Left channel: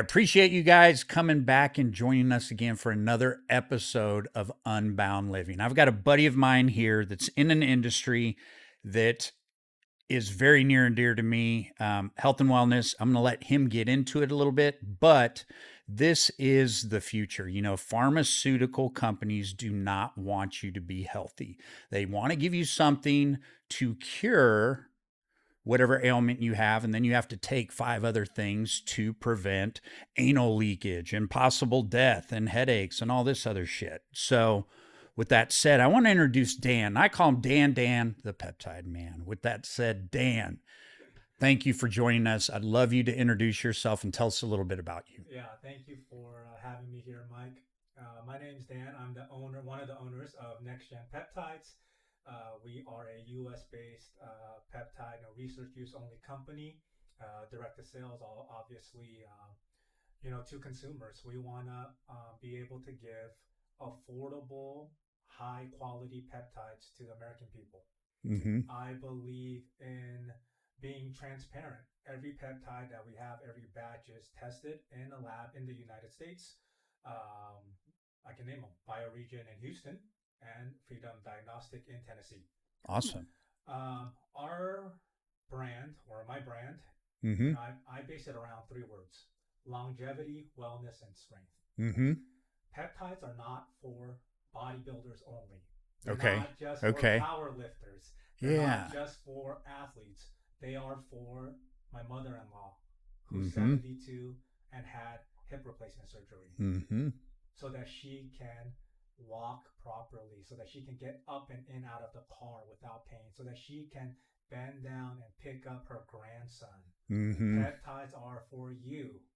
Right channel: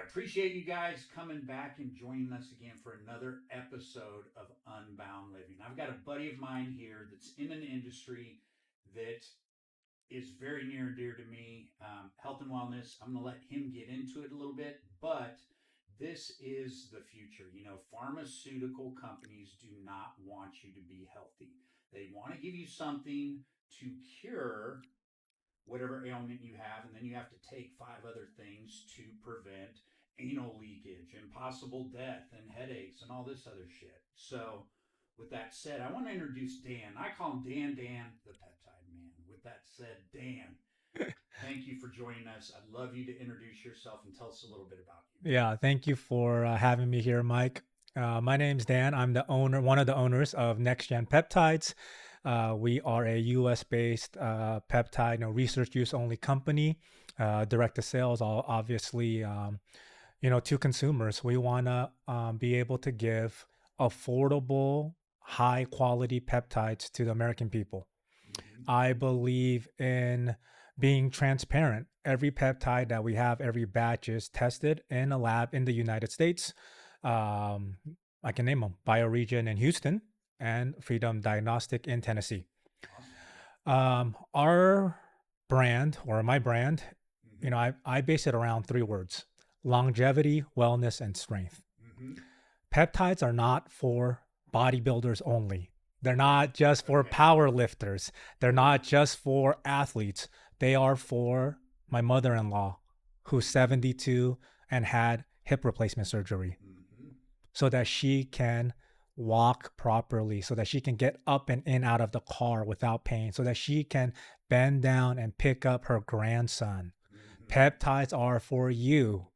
appreciate you guys coming back and joining us again for another episode of Unbound Living. I've got a buddy of mine here that's in an industry that is very near and dear to me, health and wellness. I'm going to let him get into it a little bit, but this is the future. You know, pharmaceutical companies do not want you to be healthy. They want to give you something to cure whatever ailment you have, and then you have to take 5 other things to prevent anal leakage and possible death and headaches and all this other shit. So with that said, I want to introduce Dan. I call him Dan, the Peptide Man. With that said, Dan, thank you for joining us. I'd love you to introduce yourself and tell us a little bit about you. Yeah, thank you for having me here, Mike. My name's Dan. I'm the owner, one of the owners of NexGen Peptides. We are a U.S.-based peptide, research use only company. Direct to sales, obviously, to consumers. We want to be able to give affordable, high quality peptides to the American people. Mm-hmm. I believe in being transparent. Every peptide that we have, every batch is tested in a lab in the United States. I can name them: Bioregion in Houston and Freedom Diagnostic in Tennessee. Awesome. Our brand, or my brand, Mm-hmm. I base it around 3 words: longevity, wellness, and strength. Mm-hmm. Peptides are not for bodybuilders only. They're Okay. not just for Okay. power lifters. They're not Yeah. just for athletes. They are for my mother-in-law, who's Mm-hmm. 72 and had hip replacement surgery, Mm-hmm. so that she can walk properly, so that she can get up and in out of the car without pain, so that she can bend down and pick up her grandson. Mm-hmm. Peptides are for you,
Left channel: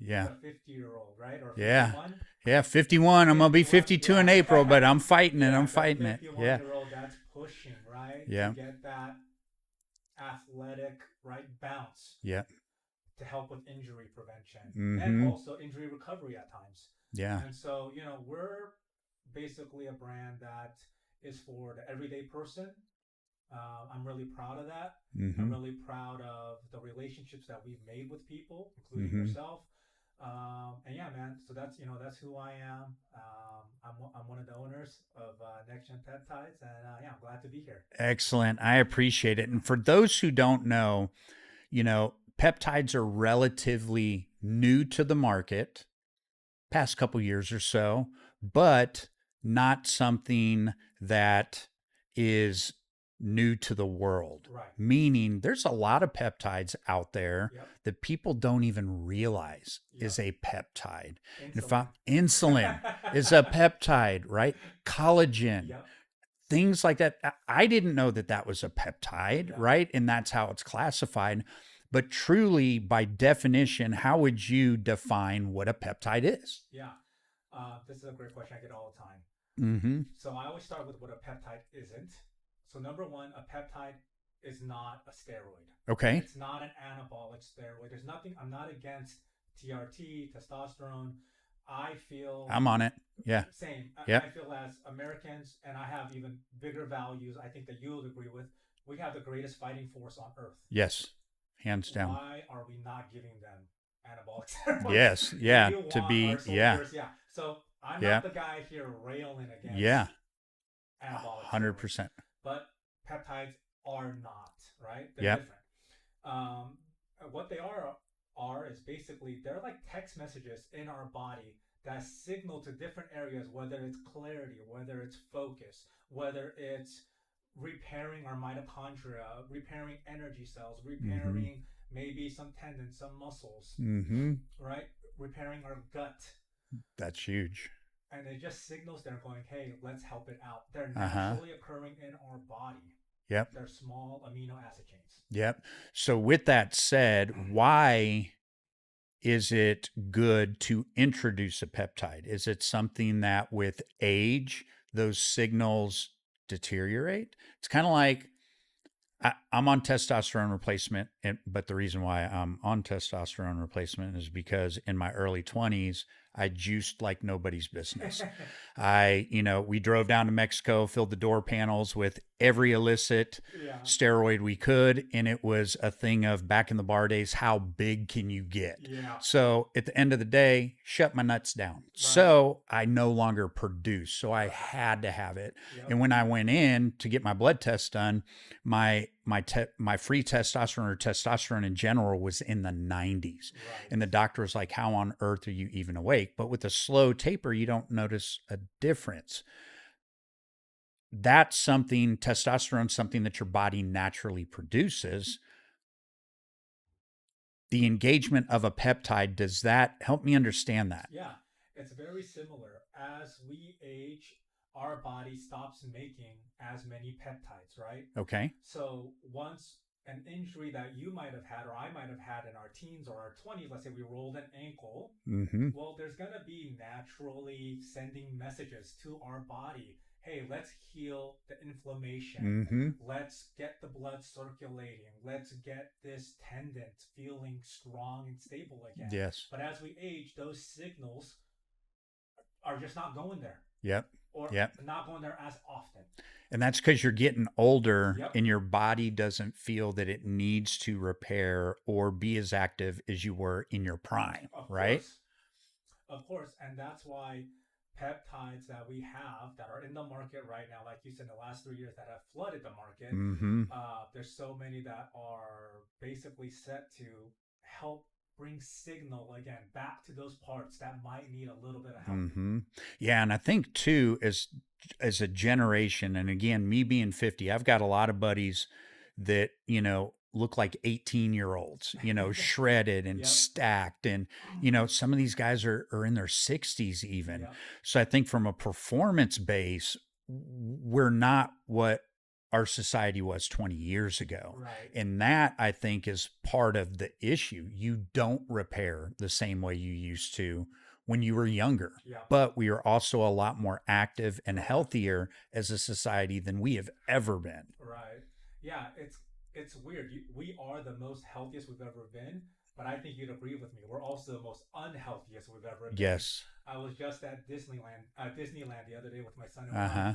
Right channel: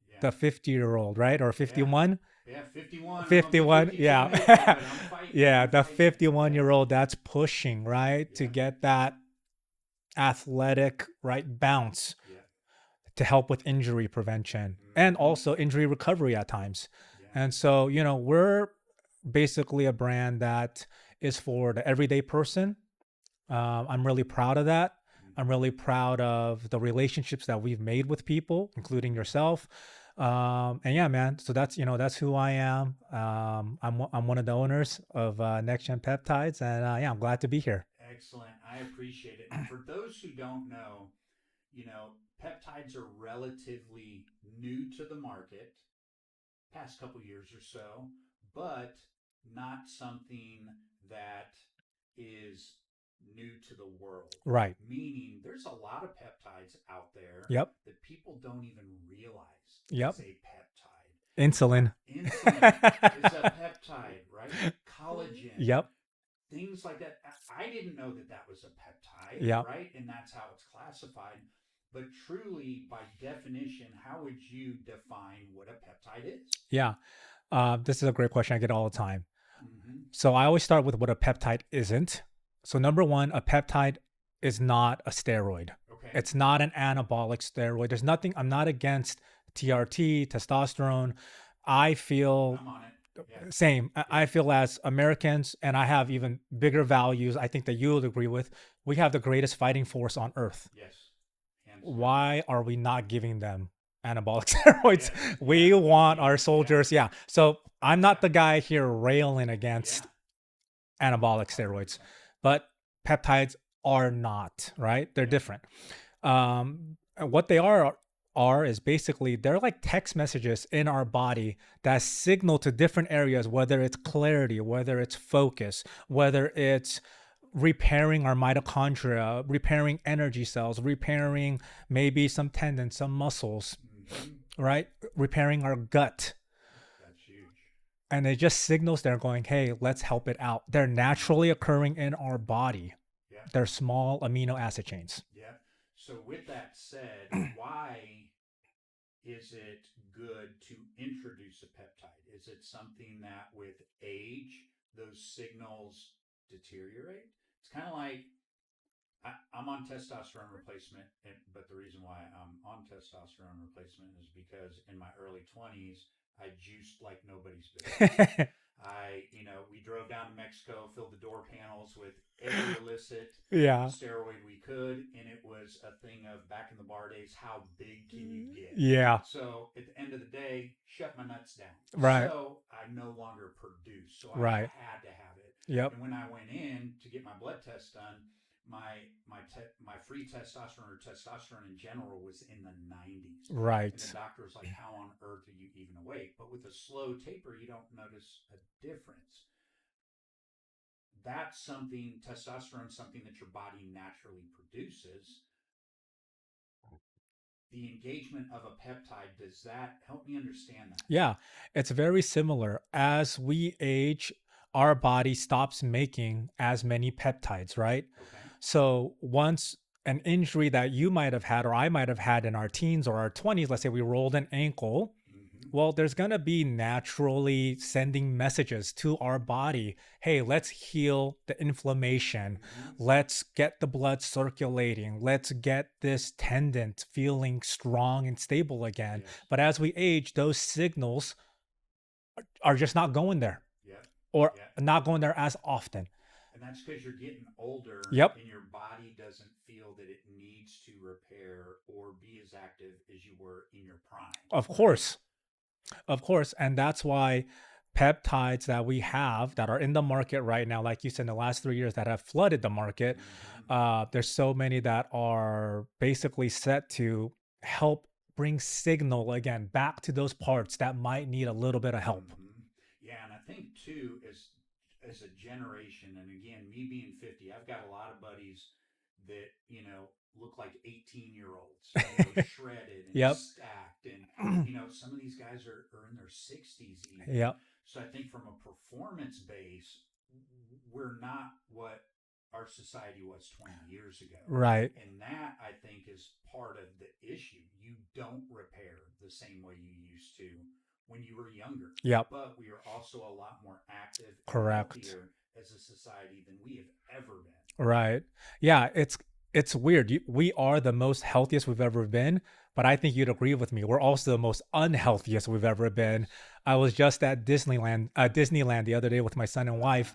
Yeah. the 50-year-old, right? Or Yeah. 51? Yeah. 51. I'm going to be 51, 52 in yeah. April, but I'm fighting it. Yeah, I'm the fighting it. 51-year-old that's pushing, right? To Yeah. get that athletic, right, bounce Yeah. to help with injury prevention and Mm-hmm. also injury recovery at times. Yeah. And so, we're basically a brand that is for the everyday person. I'm really proud of that. I'm Mm-hmm. really proud of the relationships that we've made with people, including Mm-hmm. yourself. And yeah, man. So that's who I am. I'm one of the owners of NexGen Peptides, and yeah, I'm glad to be here. Excellent. I appreciate it. And for those who don't know, peptides are relatively new to the market, past couple years or so, but not something that is new to the world. Right. Meaning there's a lot of peptides out there Yep. that people don't even realize Yep. is a peptide. Insulin. Insulin is a peptide, right? Collagen, Yep. things like that. I didn't know that that was a peptide, Yep. right? And that's how it's classified. But truly, by definition, how would you define what a peptide is? Yeah. This is a great question I get all the time. Mm-hmm. So I always start with what a peptide isn't. So number one, a peptide is not a steroid. Okay. It's not an anabolic steroid. There's nothing, I'm not against TRT, testosterone. I feel I'm on it. Yeah. same. Yep. I feel as Americans, and I have even bigger values, I think that you would agree with, we have the greatest fighting force on earth. Yes. Hands down. Why are we not giving them anabolic steroids? Yes. Yeah. We want our soldiers. Yeah. So I'm not Yeah. the guy here railing against Yeah. anabolic steroids, 100%. but peptides are not, right? They're Yeah. different. What they are is basically they're like text messages in our body that signal to different areas, whether it's clarity, whether it's focus, whether it's repairing our mitochondria, repairing energy cells, repairing maybe some tendons, some muscles, Mm-hmm. right? Repairing our gut. That's huge. And it just signals they're going, hey, let's help it out. They're naturally occurring in our body. Yep. They're small amino acid chains. Yep. So with that said, why is it good to introduce a peptide? Is it something that with age, those signals deteriorate? It's kind of like I'm on testosterone replacement, but the reason why I'm on testosterone replacement is because in my early 20s, I juiced like nobody's business. We drove down to Mexico, filled the door panels with every illicit Yeah. steroid we could. And it was a thing of back in the bar days, how big can you get? Yeah. So at the end of the day, shut my nuts down. Right. So I no longer produced. So I Right. had to have it. Yep. And when I went in to get my blood test done, my free testosterone or testosterone in general was in the 90s. Right. And the doctor was like, how on earth are you even awake? But with a slow taper, you don't notice a difference. That's something, testosterone, something that your body naturally produces. The engagement of a peptide, does that help me understand that? Yeah, it's very similar. As we age, our body stops making as many peptides, right? Okay. So once an injury that you might have had or I might have had in our teens or our 20s, let's say we rolled an ankle, Mm-hmm. well, there's going to be naturally sending messages to our body. Hey, let's heal the inflammation. Mm-hmm. Let's get the blood circulating. Let's get this tendon feeling strong and stable again. Yes. But as we age, those signals are just not going there Yep. or Yep. not going there as often. And that's because you're getting older Yep. and your body doesn't feel that it needs to repair or be as active as you were in your prime. Of Right? course. Of course. And that's why peptides that we have that are in the market right now, like you said, in the last 3 years that have flooded the market, Mm-hmm. there's so many that are basically set to help bring signal again back to those parts that might need a little bit of help. Mm-hmm. Yeah, and I think too, as a generation, and again, me being 50, I've got a lot of buddies that, look like 18-year-olds, shredded and Yep. stacked. And, some of these guys are in their 60s even. Yep. So I think from a performance base, we're not what our society was 20 years ago. Right. And that I think is part of the issue. You don't repair the same way you used to when you were younger. Yep. But we are also a lot more active and Correct. healthier as a society than we have ever been. Right. Yeah, it's weird. We are the most healthiest we've ever been, but I think you'd agree with me. We're also the most unhealthiest we've ever been. Yes. I was just at Disneyland the other day with my son and wife. Uh-huh.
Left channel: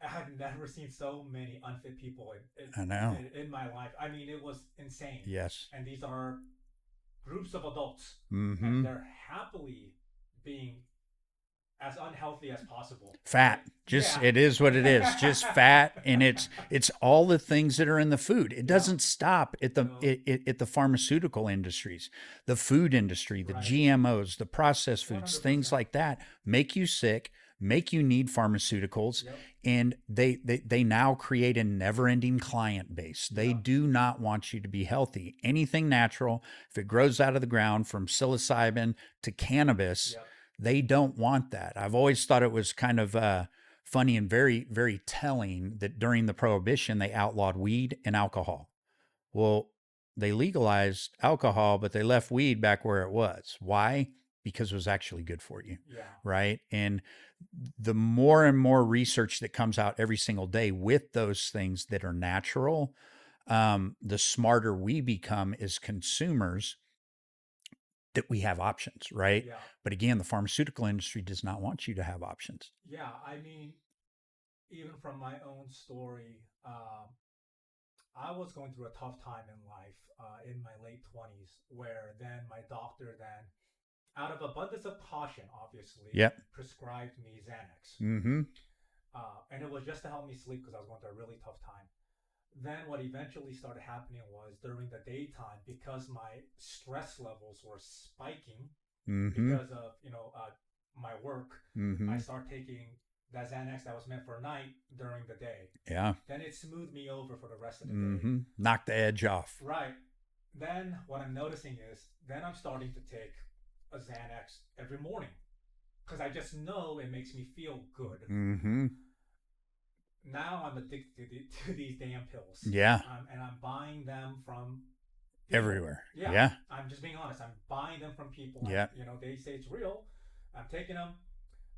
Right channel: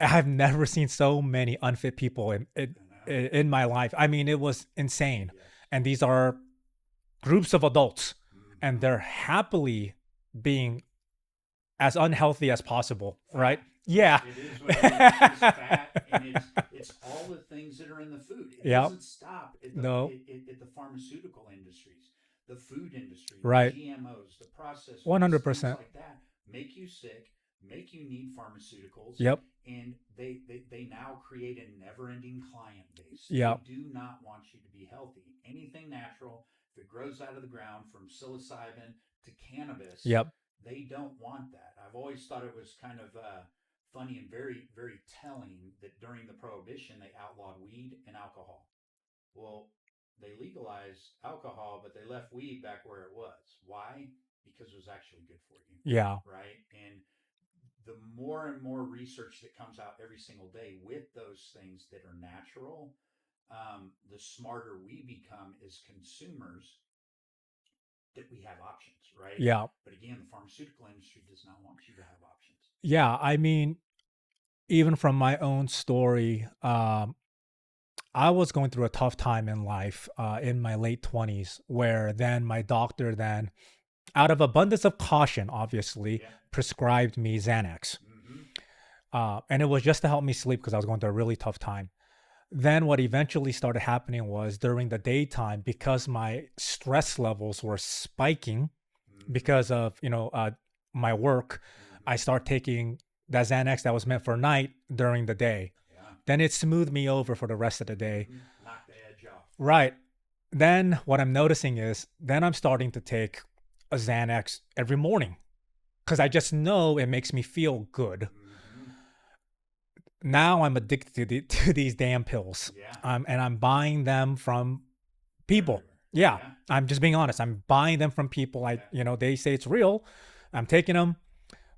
I've never seen so many unfit people I know. in my life. I mean, it was insane. Yes. And these are groups of adults, Mm-hmm. and they're happily being as unhealthy as possible. Fat. Right? Just, Yeah. it is what it is. Just fat, and it's all the things that are in the food. It Yep. doesn't stop at the No. at the pharmaceutical industries, the food industry, the Right. GMOs, the processed foods, 100%. things like that make you sick, make you need pharmaceuticals. Yep. And they now create a never-ending client base. They Yep. do not want you to be healthy. Anything natural, if it grows out of the ground, from psilocybin to cannabis, Yep. they don't want that. I've always thought it was kind of funny and very, very telling that during the Prohibition, they outlawed weed and alcohol. Well, they legalized alcohol, but they left weed back where it was. Why? Because it was actually good for you. Yeah. Right. And the more and more research that comes out every single day with those things that are natural, the smarter we become as consumers, that we have options, right? Yeah. But again, the pharmaceutical industry does not want you to have options. Yeah. I mean, even from my own story, I was going through a tough time in life in my late 20s, where then my doctor then, out of abundance of caution, obviously, Yep. prescribed me Xanax. Mm-hmm. And it was just to help me sleep because I was going through a really tough time. Then what eventually started happening was during the daytime, because my stress levels were spiking Mm-hmm. because of, my work, Mm-hmm. I start taking that Xanax that was meant for night during the day. Yeah. Then it smoothed me over for the rest of the day. Mm-hmm. Knock the edge off. Right. Then what I'm noticing is then I'm starting to take a Xanax every morning because I just know it makes me feel good. Mm-hmm. Now I'm addicted to these damn pills. Yeah. And I'm buying them from people. Everywhere. Yeah. Yeah. I'm just being honest. I'm buying them from people. Yeah. They say it's real. I'm taking them.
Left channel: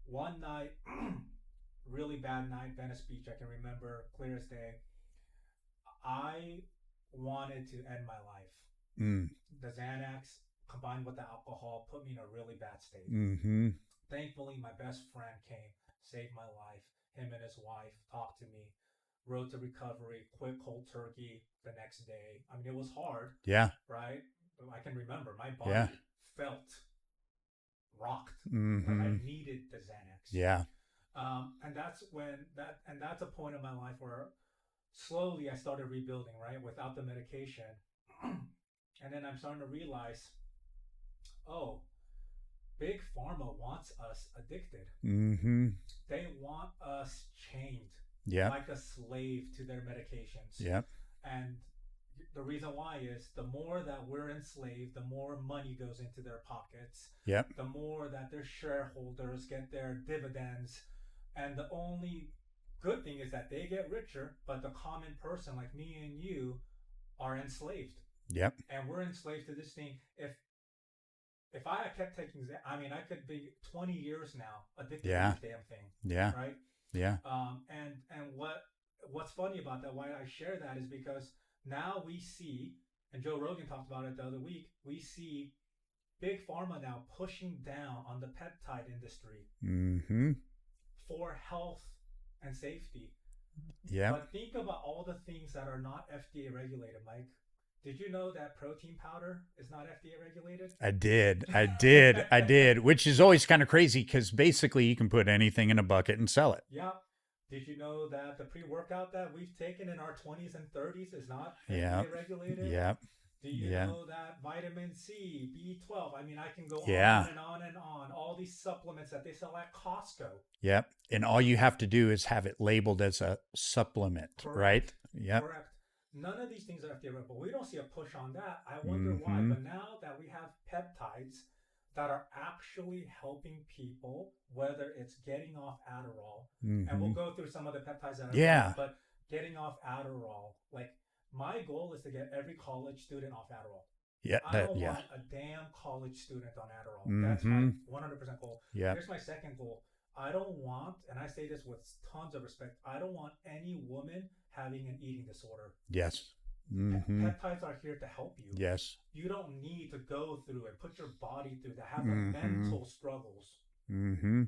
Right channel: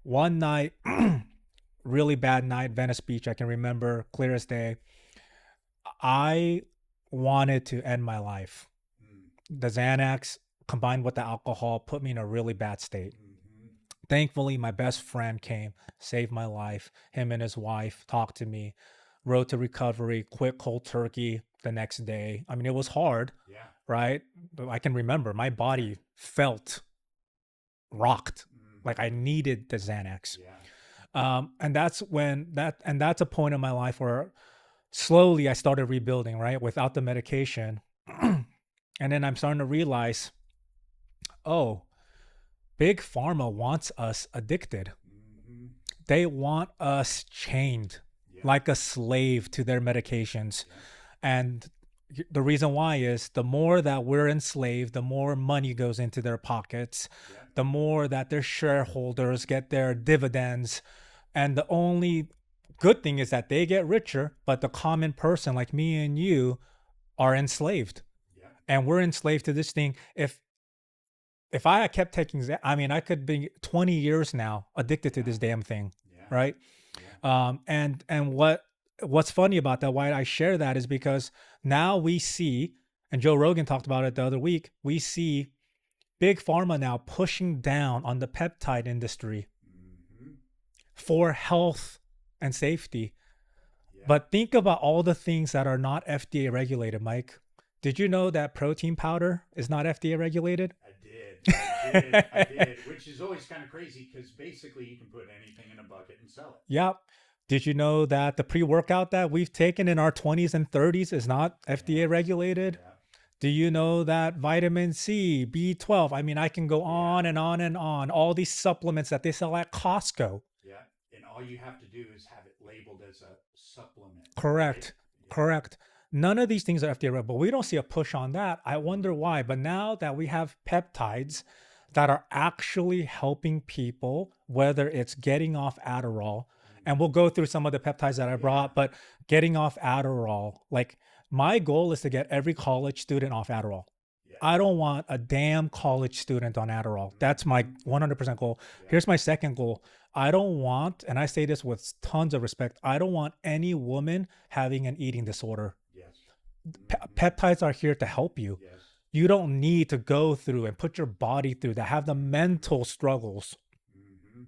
One night, really bad night, Venice Beach. I can remember clear as day. I wanted to end my life. Mm. The Xanax combined with the alcohol, put me in a really bad state. Mm-hmm. Thankfully, my best friend came, saved my life. Him and his wife talked to me, road to recovery, quit cold turkey the next day. I mean, it was hard, Yeah. right? But I can remember my Yeah. body felt rocked, like I Mm-hmm. needed the Xanax. Yeah. And that's a point in my life where slowly I started rebuilding, right, without the medication. And then I'm starting to realize, oh, Big Pharma wants us addicted. Mm-hmm. They want us chained Yeah. like a slave to their medications. Yeah. And the reason why is the more that we're enslaved, the more money goes into their pockets, Yeah. the more that their shareholders get their dividends. And the only good thing is that they get richer, but the common person like me and you are enslaved. Yep. And we're enslaved to this thing. If I had kept taking, I mean, I could be 20 years now addicted to Yeah. this damn thing, Yeah. right? Yeah. And what's funny about that, why I share that, is because now we see, and Joe Rogan talked about it the other week, we see Big Pharma now pushing down on the peptide industry Mm-hmm. for health and safety. Yeah. But think about all the things that are not FDA regulated, Mike. Did you know that protein powder is not FDA regulated? I did, which is always kind of crazy because basically you can put anything in a bucket and sell it. Yep. Did you know that the pre-workout that we've taken in our 20s and 30s is not FDA Yeah. regulated? Yeah. Do you Yeah. know that vitamin C, B12? I mean, I can go Yeah. on and on and on. All these supplements that they sell at Costco. Yep. And all you have to do is have it labeled as a supplement. Correct. Right? Yep. Correct. None of these things are FDA regulated, but we don't see a push on that. I wonder why. Mhm. But now that we have peptides that are actually helping people, whether it's getting off Adderall, and we'll Mhm. go through some of the peptides that I Yeah. brought, but getting off Adderall, like my goal is to get every college student off Adderall. Yeah. I don't yeah. want a damn college student on Adderall. That's my Mhm. 100% goal. Yeah. Here's my second goal. I don't want, and I say this with tons of respect, I don't want any woman having an eating disorder. Yes. Pe- Mhm. Peptides are here to help you. Yes. You don't need to go through and put your body through that, have the Mhm. mental struggles. Mm-hmm.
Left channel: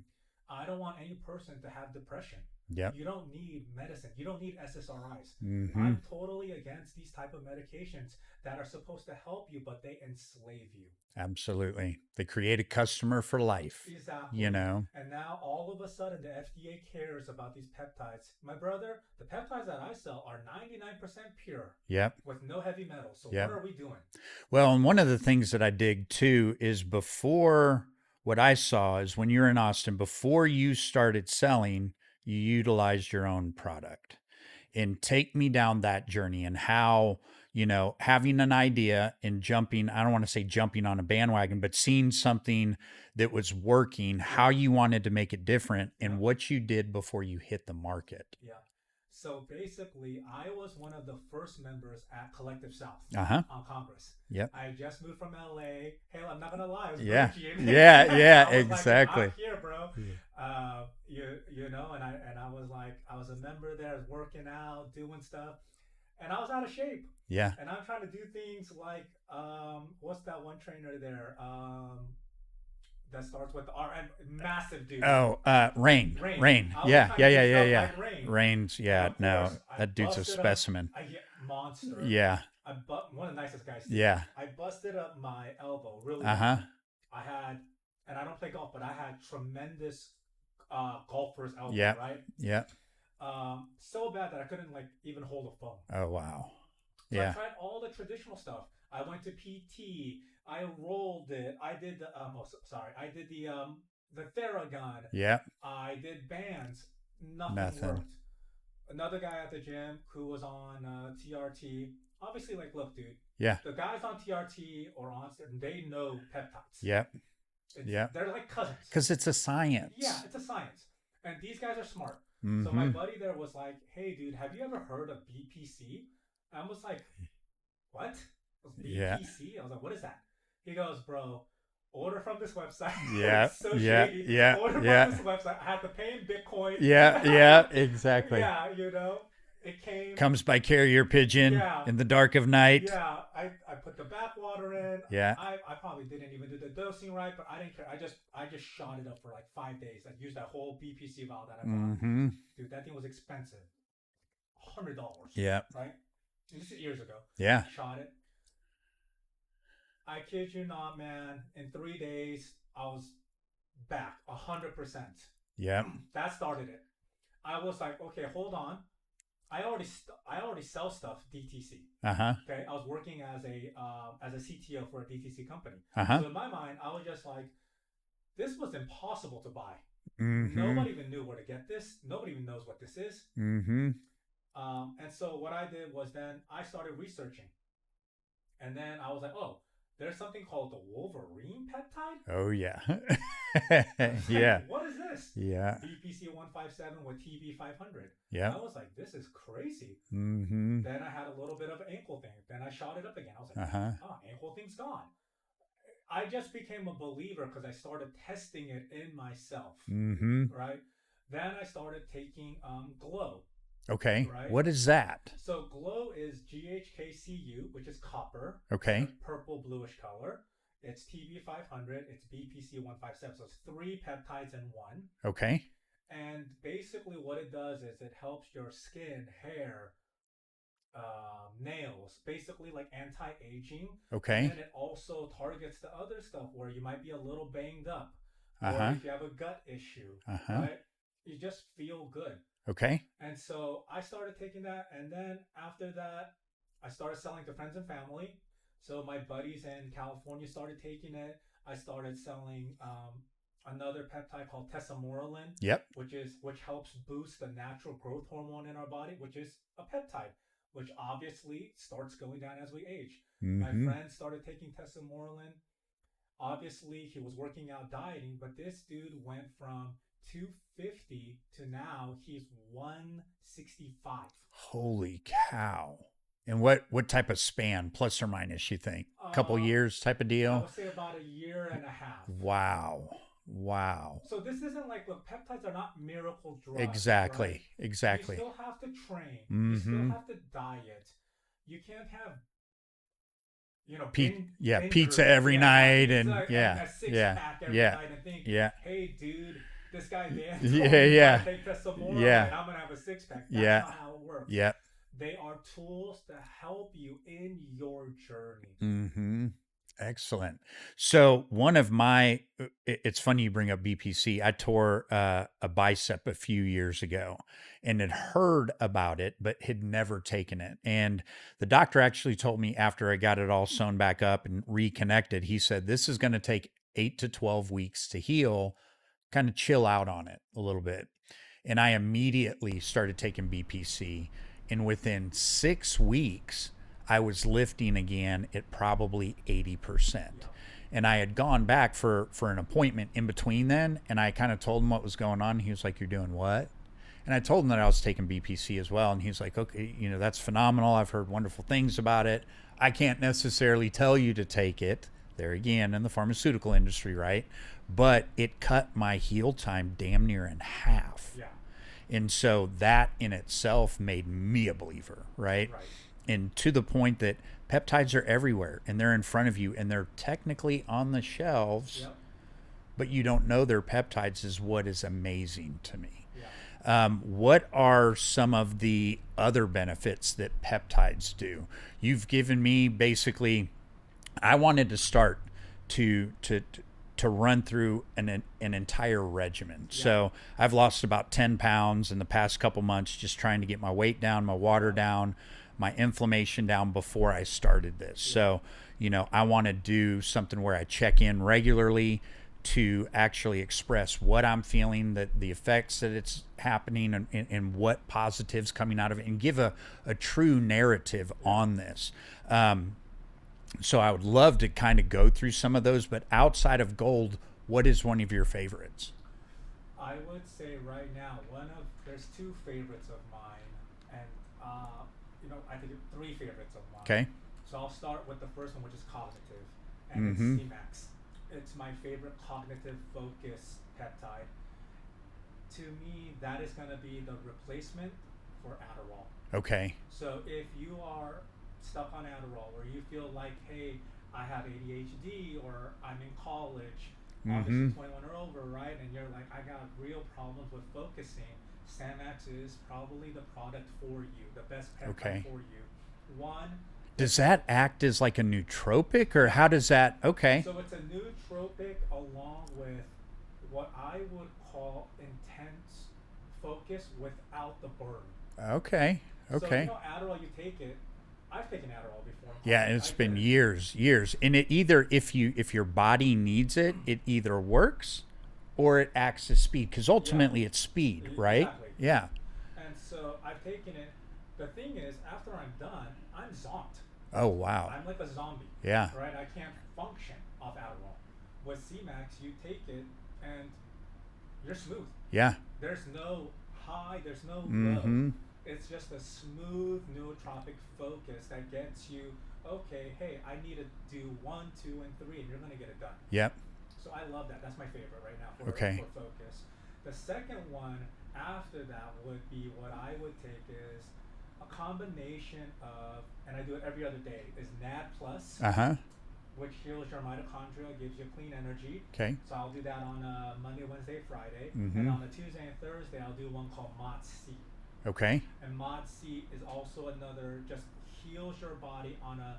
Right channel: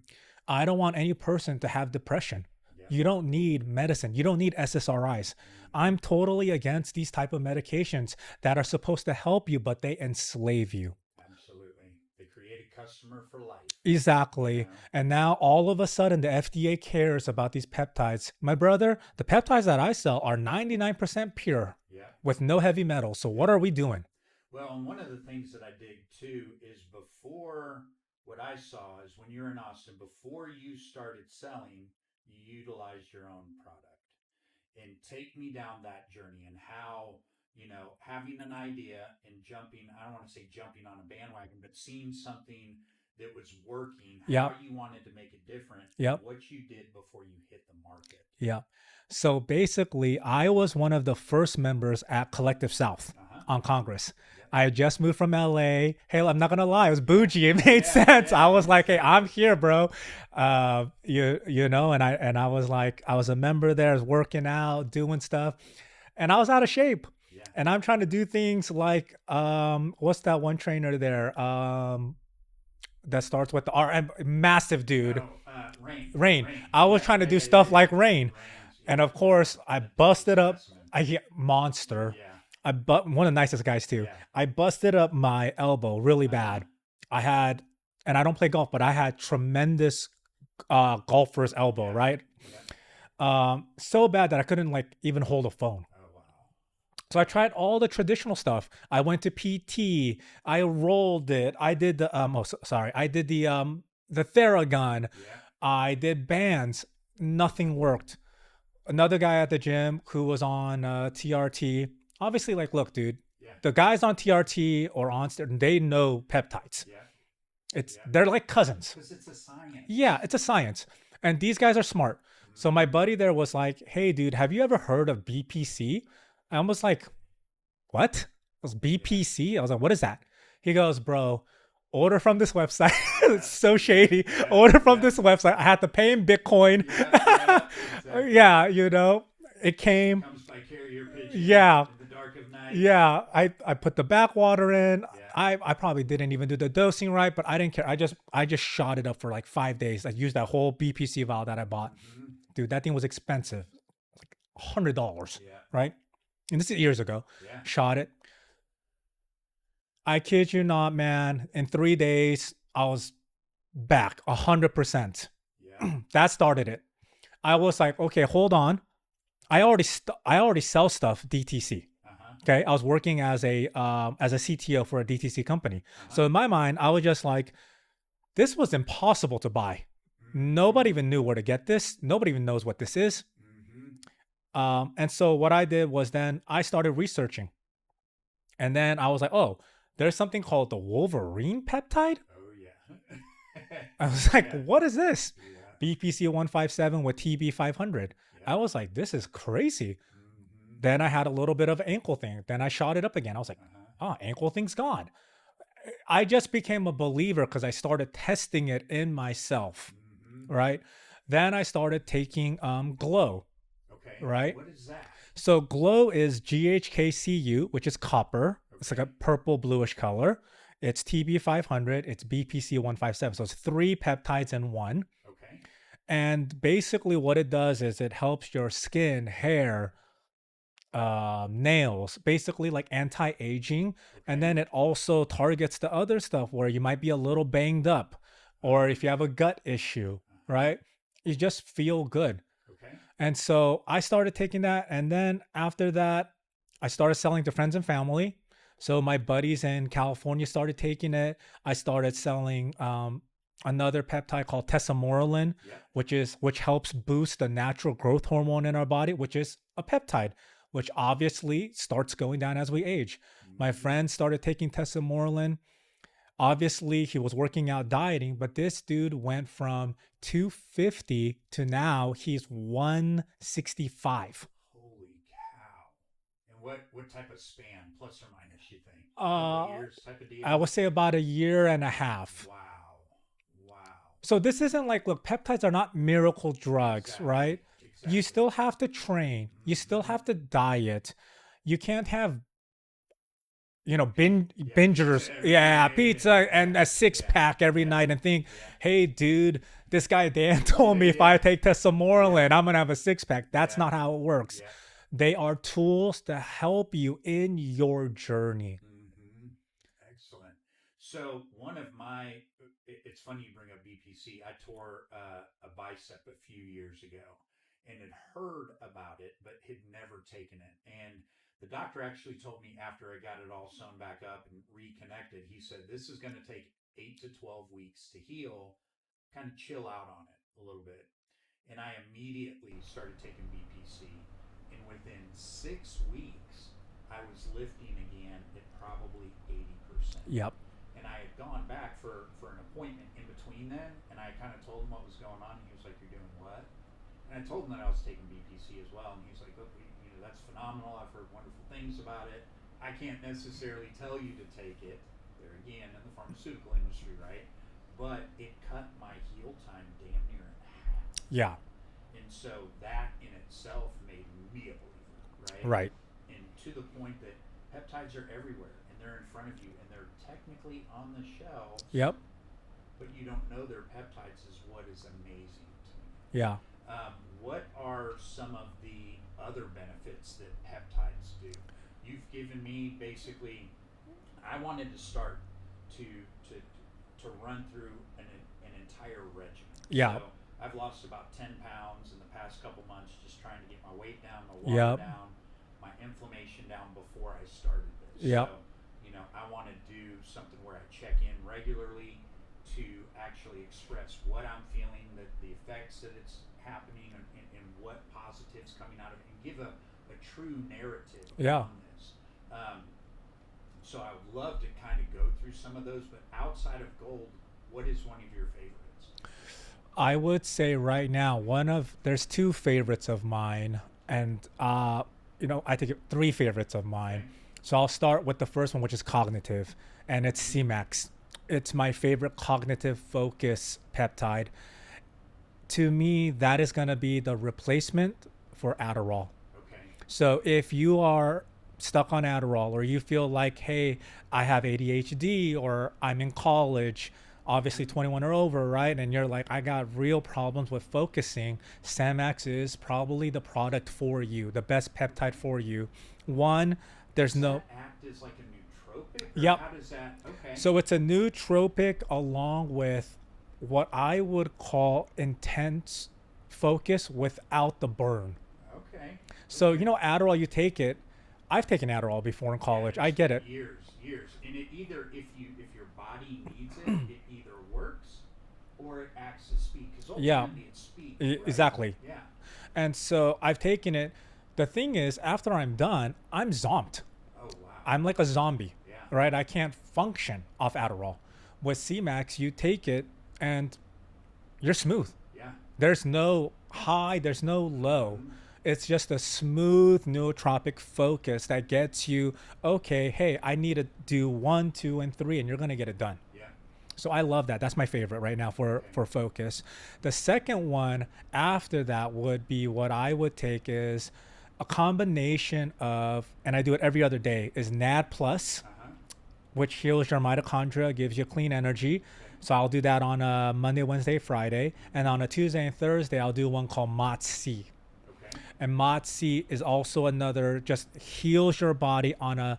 I don't want any person to have depression. Yeah. You don't need medicine. You don't need SSRIs. Mhm. I'm totally against these type of medications that are supposed to help you, but they enslave you. Absolutely. They create a customer for life. Exactly. You know? And now all of a sudden the FDA cares about these peptides. My brother, the peptides that I sell are 99% pure Yep. with no heavy metals. So what Yeah. are we doing? Well, and one of the things that I dig too is before what I saw is when you're in Austin, before you started selling, you utilized your own product. And take me down that journey and how, having an idea and jumping, I don't want to say jumping on a bandwagon, but seeing something that was working, how Yep. you wanted to make it different and Yep. what you did before you hit the market. Yeah. So basically, I was one of the first members at Collective South Uh-huh. on Congress. Yep. I had just moved from LA. Hey, I'm not gonna lie, it was Yeah. bougie. It made Yeah, sense. yeah, I was like, hey, I'm exactly. here, bro. And I was like, I was a member there, I was working out, doing stuff, and I was out of shape. Yeah. And I'm trying to do things like, what's that one trainer there? That starts with the R, massive dude. Oh, Rain. Rain. I was trying to do stuff like Rain. Rain's, yeah. And of course, no, I that dude's a busted up. specimen. Monster. Yeah. One of the nicest guys too. Yeah. I busted up my elbow really Uh-huh. bad. I had, and I don't play golf, but I had tremendous golfer's elbow, Yeah. right? Yeah. So bad that I couldn't like even hold a phone. Oh, wow. So I Yeah. tried all the traditional stuff. I went to PT. I rolled it. I did the I did the Theragun. Yeah. I did bands. Nothing Nothing. worked. Another guy at the gym who was on TRT. Obviously, like, look, dude, Yeah. the guys on TRT or on they know peptides. Yeah. They're like cousins. Because it's a science. Yeah, it's a science. And these guys are smart. So my Mhm. buddy there was like, hey, dude, have you ever heard of BPC? I was like, what? It was BPC? I was like, what is that? He goes, bro, order from this website. Yeah, It's so yeah, shady. yeah, Order from yeah. this website. I had to pay him Bitcoin. Yeah. Yeah. Exactly. Yeah, It came. Comes by carrier pigeon Yeah. in the dark of night. Yeah. I put the backwater in. Yeah. I probably didn't even do the dosing right, but I didn't care. I just shot it up for like 5 days. I used that whole BPC vial that I bought. Mm-hmm. Dude, that thing was expensive. Like $100. Yeah. Right? And this is years ago. Yeah. Shot it. I kid you not, man. In 3 days, I was back 100%. Yeah. That started it. I was like, okay, hold on. I already sell stuff DTC. Uh-huh. Okay, I was working as a CTO for a DTC company. Uh-huh. So in my mind, I was just like, this was impossible to buy. Mm-hmm. Nobody even knew where to get this. Nobody even knows what this is. Mm-hmm. And so what I did was then I started researching, and then I was like, oh, there's something called the Wolverine peptide. Oh yeah. I was like, Yeah. what is this? Yeah. BPC 157 with TB 500. Yeah. I was like, this is crazy. Mm-hmm. Then I had a little bit of ankle thing. Then I shot it up again. I was like, Uh-huh. oh, ankle thing's gone. I just became a believer because I started testing it in myself. Mm-hmm. Right. Then I started taking Glow. Okay. Right. What is that? So Glow is GHKCU, which is copper. It's like Okay. a purple bluish color. It's TB 500. It's BPC 157. So it's 3 peptides in one. Okay. And basically what it does is it helps your skin, hair, nails, basically like anti-aging. Okay. And then it also targets the other stuff where you might be a little banged up, or Uh-huh. if you have a gut issue, Uh-huh. right? You just feel good. Okay. And so I started taking that. And then after that, I started selling to friends and family. So my buddies in California started taking it. I started selling another peptide called tesamorelin, Yep. which helps boost the natural growth hormone in our body, which is a peptide, which obviously starts going down as we age. My Mm-hmm. friend started taking tesamorelin. Obviously, he was working out dieting, but this dude went from 250 to now he's 165. Holy cow. And what type of span, plus or minus, you think? A couple years type of deal? I would say about a year and a half. Wow. Wow. So this isn't like, look, peptides are not miracle drugs, Exactly. right? Exactly. You still have to train. You still Mhm. have to diet. You can't have, yeah, bingers. pizza every night pizza and- and yeah, a six yeah, pack every yeah, night and think, yeah. hey, dude, this guy Dan told Yeah, me if yeah. I take tesamorelin, Yeah. I'm gonna have a six pack. That's Yeah. not how it works. Yep. They are tools to help you in your journey. Mm-hmm. Excellent. So one of my, it's funny you bring up BPC. I tore a bicep a few years ago and had heard about it, but had never taken it. And the doctor actually told me after I got it all sewn back up and reconnected, he said, this is going to take 8 to 12 weeks to heal, kind of chill out on it a little bit. And I immediately started taking BPC. And within 6 weeks, I was lifting again at probably 80%. Yep. And I had gone back for an appointment in between then, and I kind of told him what was going on. He was like, "You're doing what?" And I told him that I was taking BPC as well, and he's like, "Okay, that's phenomenal. I've heard wonderful things about it. I can't necessarily tell you to take it." There again, in the pharmaceutical industry, right? But it cut my heal time damn near in half. Yeah. And so that in itself made me a believer, right? Right. And to the point that peptides are everywhere and they're in front of you and they're technically on the shelves. Yep. But you don't know they're peptides is what is amazing to me. Yeah. What are some of the other benefits that peptides do? You've given me basically, I wanted to start to run through an entire regimen. Yeah. So I've lost about 10 pounds in the past couple months just trying to get my weight down, my water Yep. down, my inflammation down before I started this. Yep. So, I want to do something where I check in regularly to actually express what I'm feeling, the effects that it's happening and what positives coming out of it, and give a true narrative Yeah. on this. So I would love to kind of go through some of those, but outside of gold, what is one of your favorites? I would say right now, there's two favorites of mine, and I think 3 favorites of mine. Okay. So I'll start with the first one, which is cognitive, and it's Mhm. C-Max. It's my favorite cognitive focus peptide. To me, that is going to be the replacement for Adderall. Okay. So if you are stuck on Adderall, or you feel like, hey, I have ADHD, or I'm in college, obviously Mm-hmm. 21 or over, right? And you're like, I got real problems with focusing. Samax is probably the product for you, the best peptide Okay. for you. One, Does there's no, that act as like a nootropic, or yep. how does that? Okay. So it's a nootropic along with what I would call intense focus without the burn. Okay. So, Okay. Adderall, you take it. I've taken Adderall before in Yeah, college. I it's get been it. years, and it either if your body needs it, it either works or it acts as speed because Yeah, ultimately it's speed, right? exactly. Yeah. And so I've taken it. The thing is, after I'm done, I'm zombed. Oh wow. I'm like a zombie, Yeah. right? I can't function off Adderall. With CMAX, you take it and you're smooth. Yeah. There's no high, there's no low. Mm-hmm. It's just a smooth nootropic focus that gets you, okay, hey, I need to do 1, 2, and 3, and you're going to get it done. Yep. So I love that. That's my favorite right now Okay. for focus. The second one after that would be what I would take is a combination of, and I do it every other day, is NAD plus, Uh huh. which heals your mitochondria, gives you clean energy. Okay. So I'll do that on a Monday, Wednesday, Friday. And Mm-hmm. on a Tuesday and Thursday, I'll do one called MOTS-C. Okay. And MOTS-C is also another, just heals your body on a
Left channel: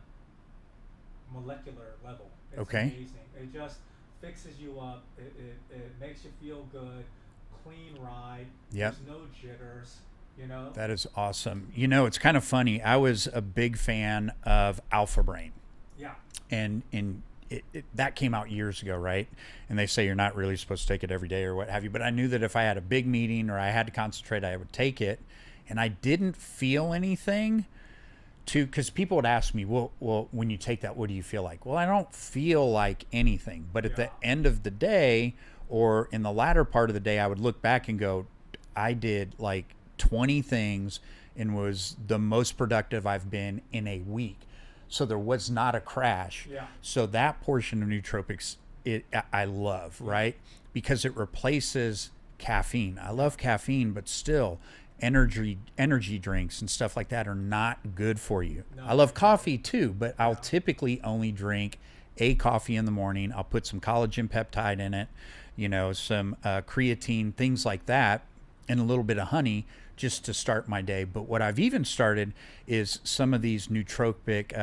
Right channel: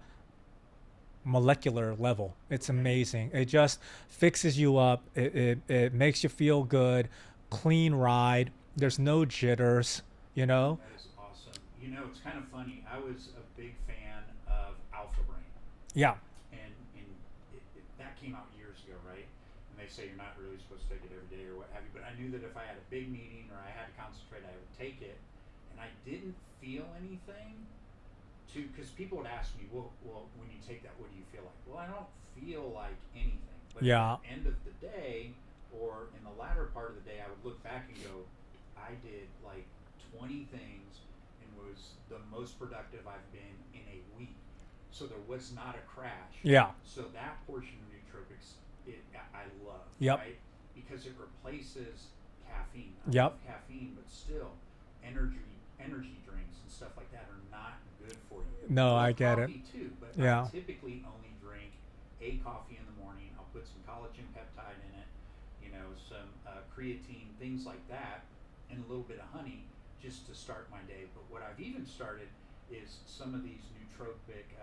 molecular level. It's Okay. amazing. It just fixes you up. It makes you feel good, clean ride. Yep. There's no jitters, you know? That is awesome. It's kind of funny. I was a big fan of Alpha Brain, Yeah. and that came out years ago, right? And they say you're not really supposed to take it every day or what have you. But I knew that if I had a big meeting or I had to concentrate, I would take it, and I didn't feel anything. Because people would ask me, well, when you take that, what do you feel like? Well, I don't feel like anything. But at Yeah. the end of the day, or in the latter part of the day, I would look back and go, I did like 20 things and was the most productive I've been in a week. So there was not a crash. Yeah. So that portion of nootropics, I love, Yep. right? Because it replaces caffeine. I Yep. love caffeine, but still, energy drinks and stuff like that are not good for you. No, I I love get coffee it. too, but Yeah. I'll typically only drink a coffee in the morning. I'll put some collagen peptide in it, some creatine, things like that, and a little bit of honey just to start my day. But what I've even started is some of these nootropic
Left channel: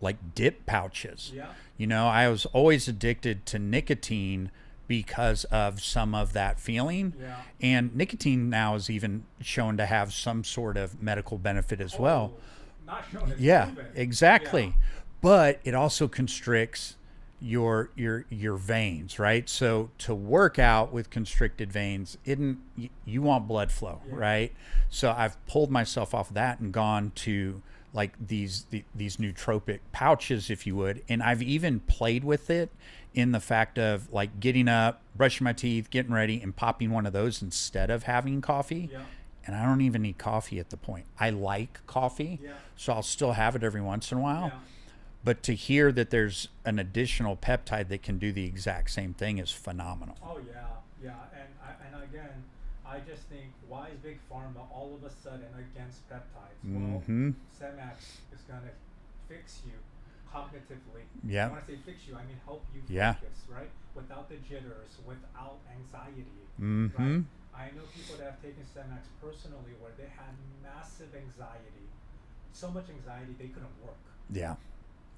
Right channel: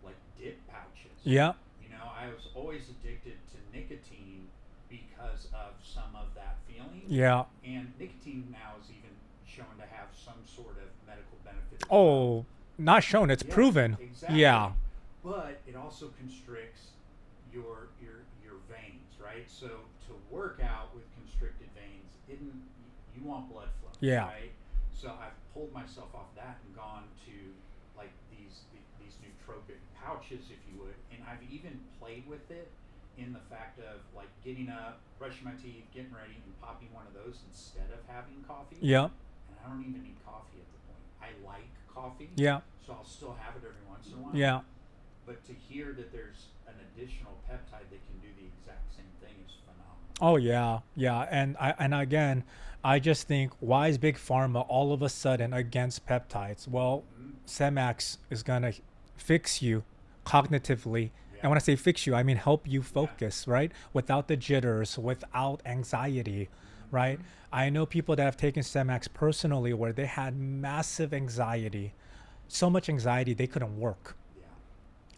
like dip pouches. Yeah. I was always addicted to nicotine because of some of that feeling. Yeah. And nicotine now is even shown to have some sort of medical benefit as Oh, well. not shown. It's Yeah, proven. exactly. Yeah. But it also constricts your veins, right? So to work out with constricted veins, you want blood flow, Yeah. right? So I've pulled myself off that and gone to like these nootropic pouches, if you would, and I've even played with it in the fact of like getting up, brushing my teeth, getting ready, and popping one of those instead of having coffee. Yeah. And I don't even need coffee at the point. I like coffee, Yeah. so I'll still have it every once in a while. Yeah. But to hear that there's an additional peptide that can do the exact same thing is phenomenal. Oh yeah, yeah, and again, I just think, why is Big Pharma all of a sudden against peptides? Well, Semax is gonna fix you cognitively. Yeah. And when I say fix you, I mean help you Yeah. focus, right? Without the jitters, without anxiety, right? I know people that have taken Semax personally where they had massive anxiety, so much anxiety they couldn't work. Yeah.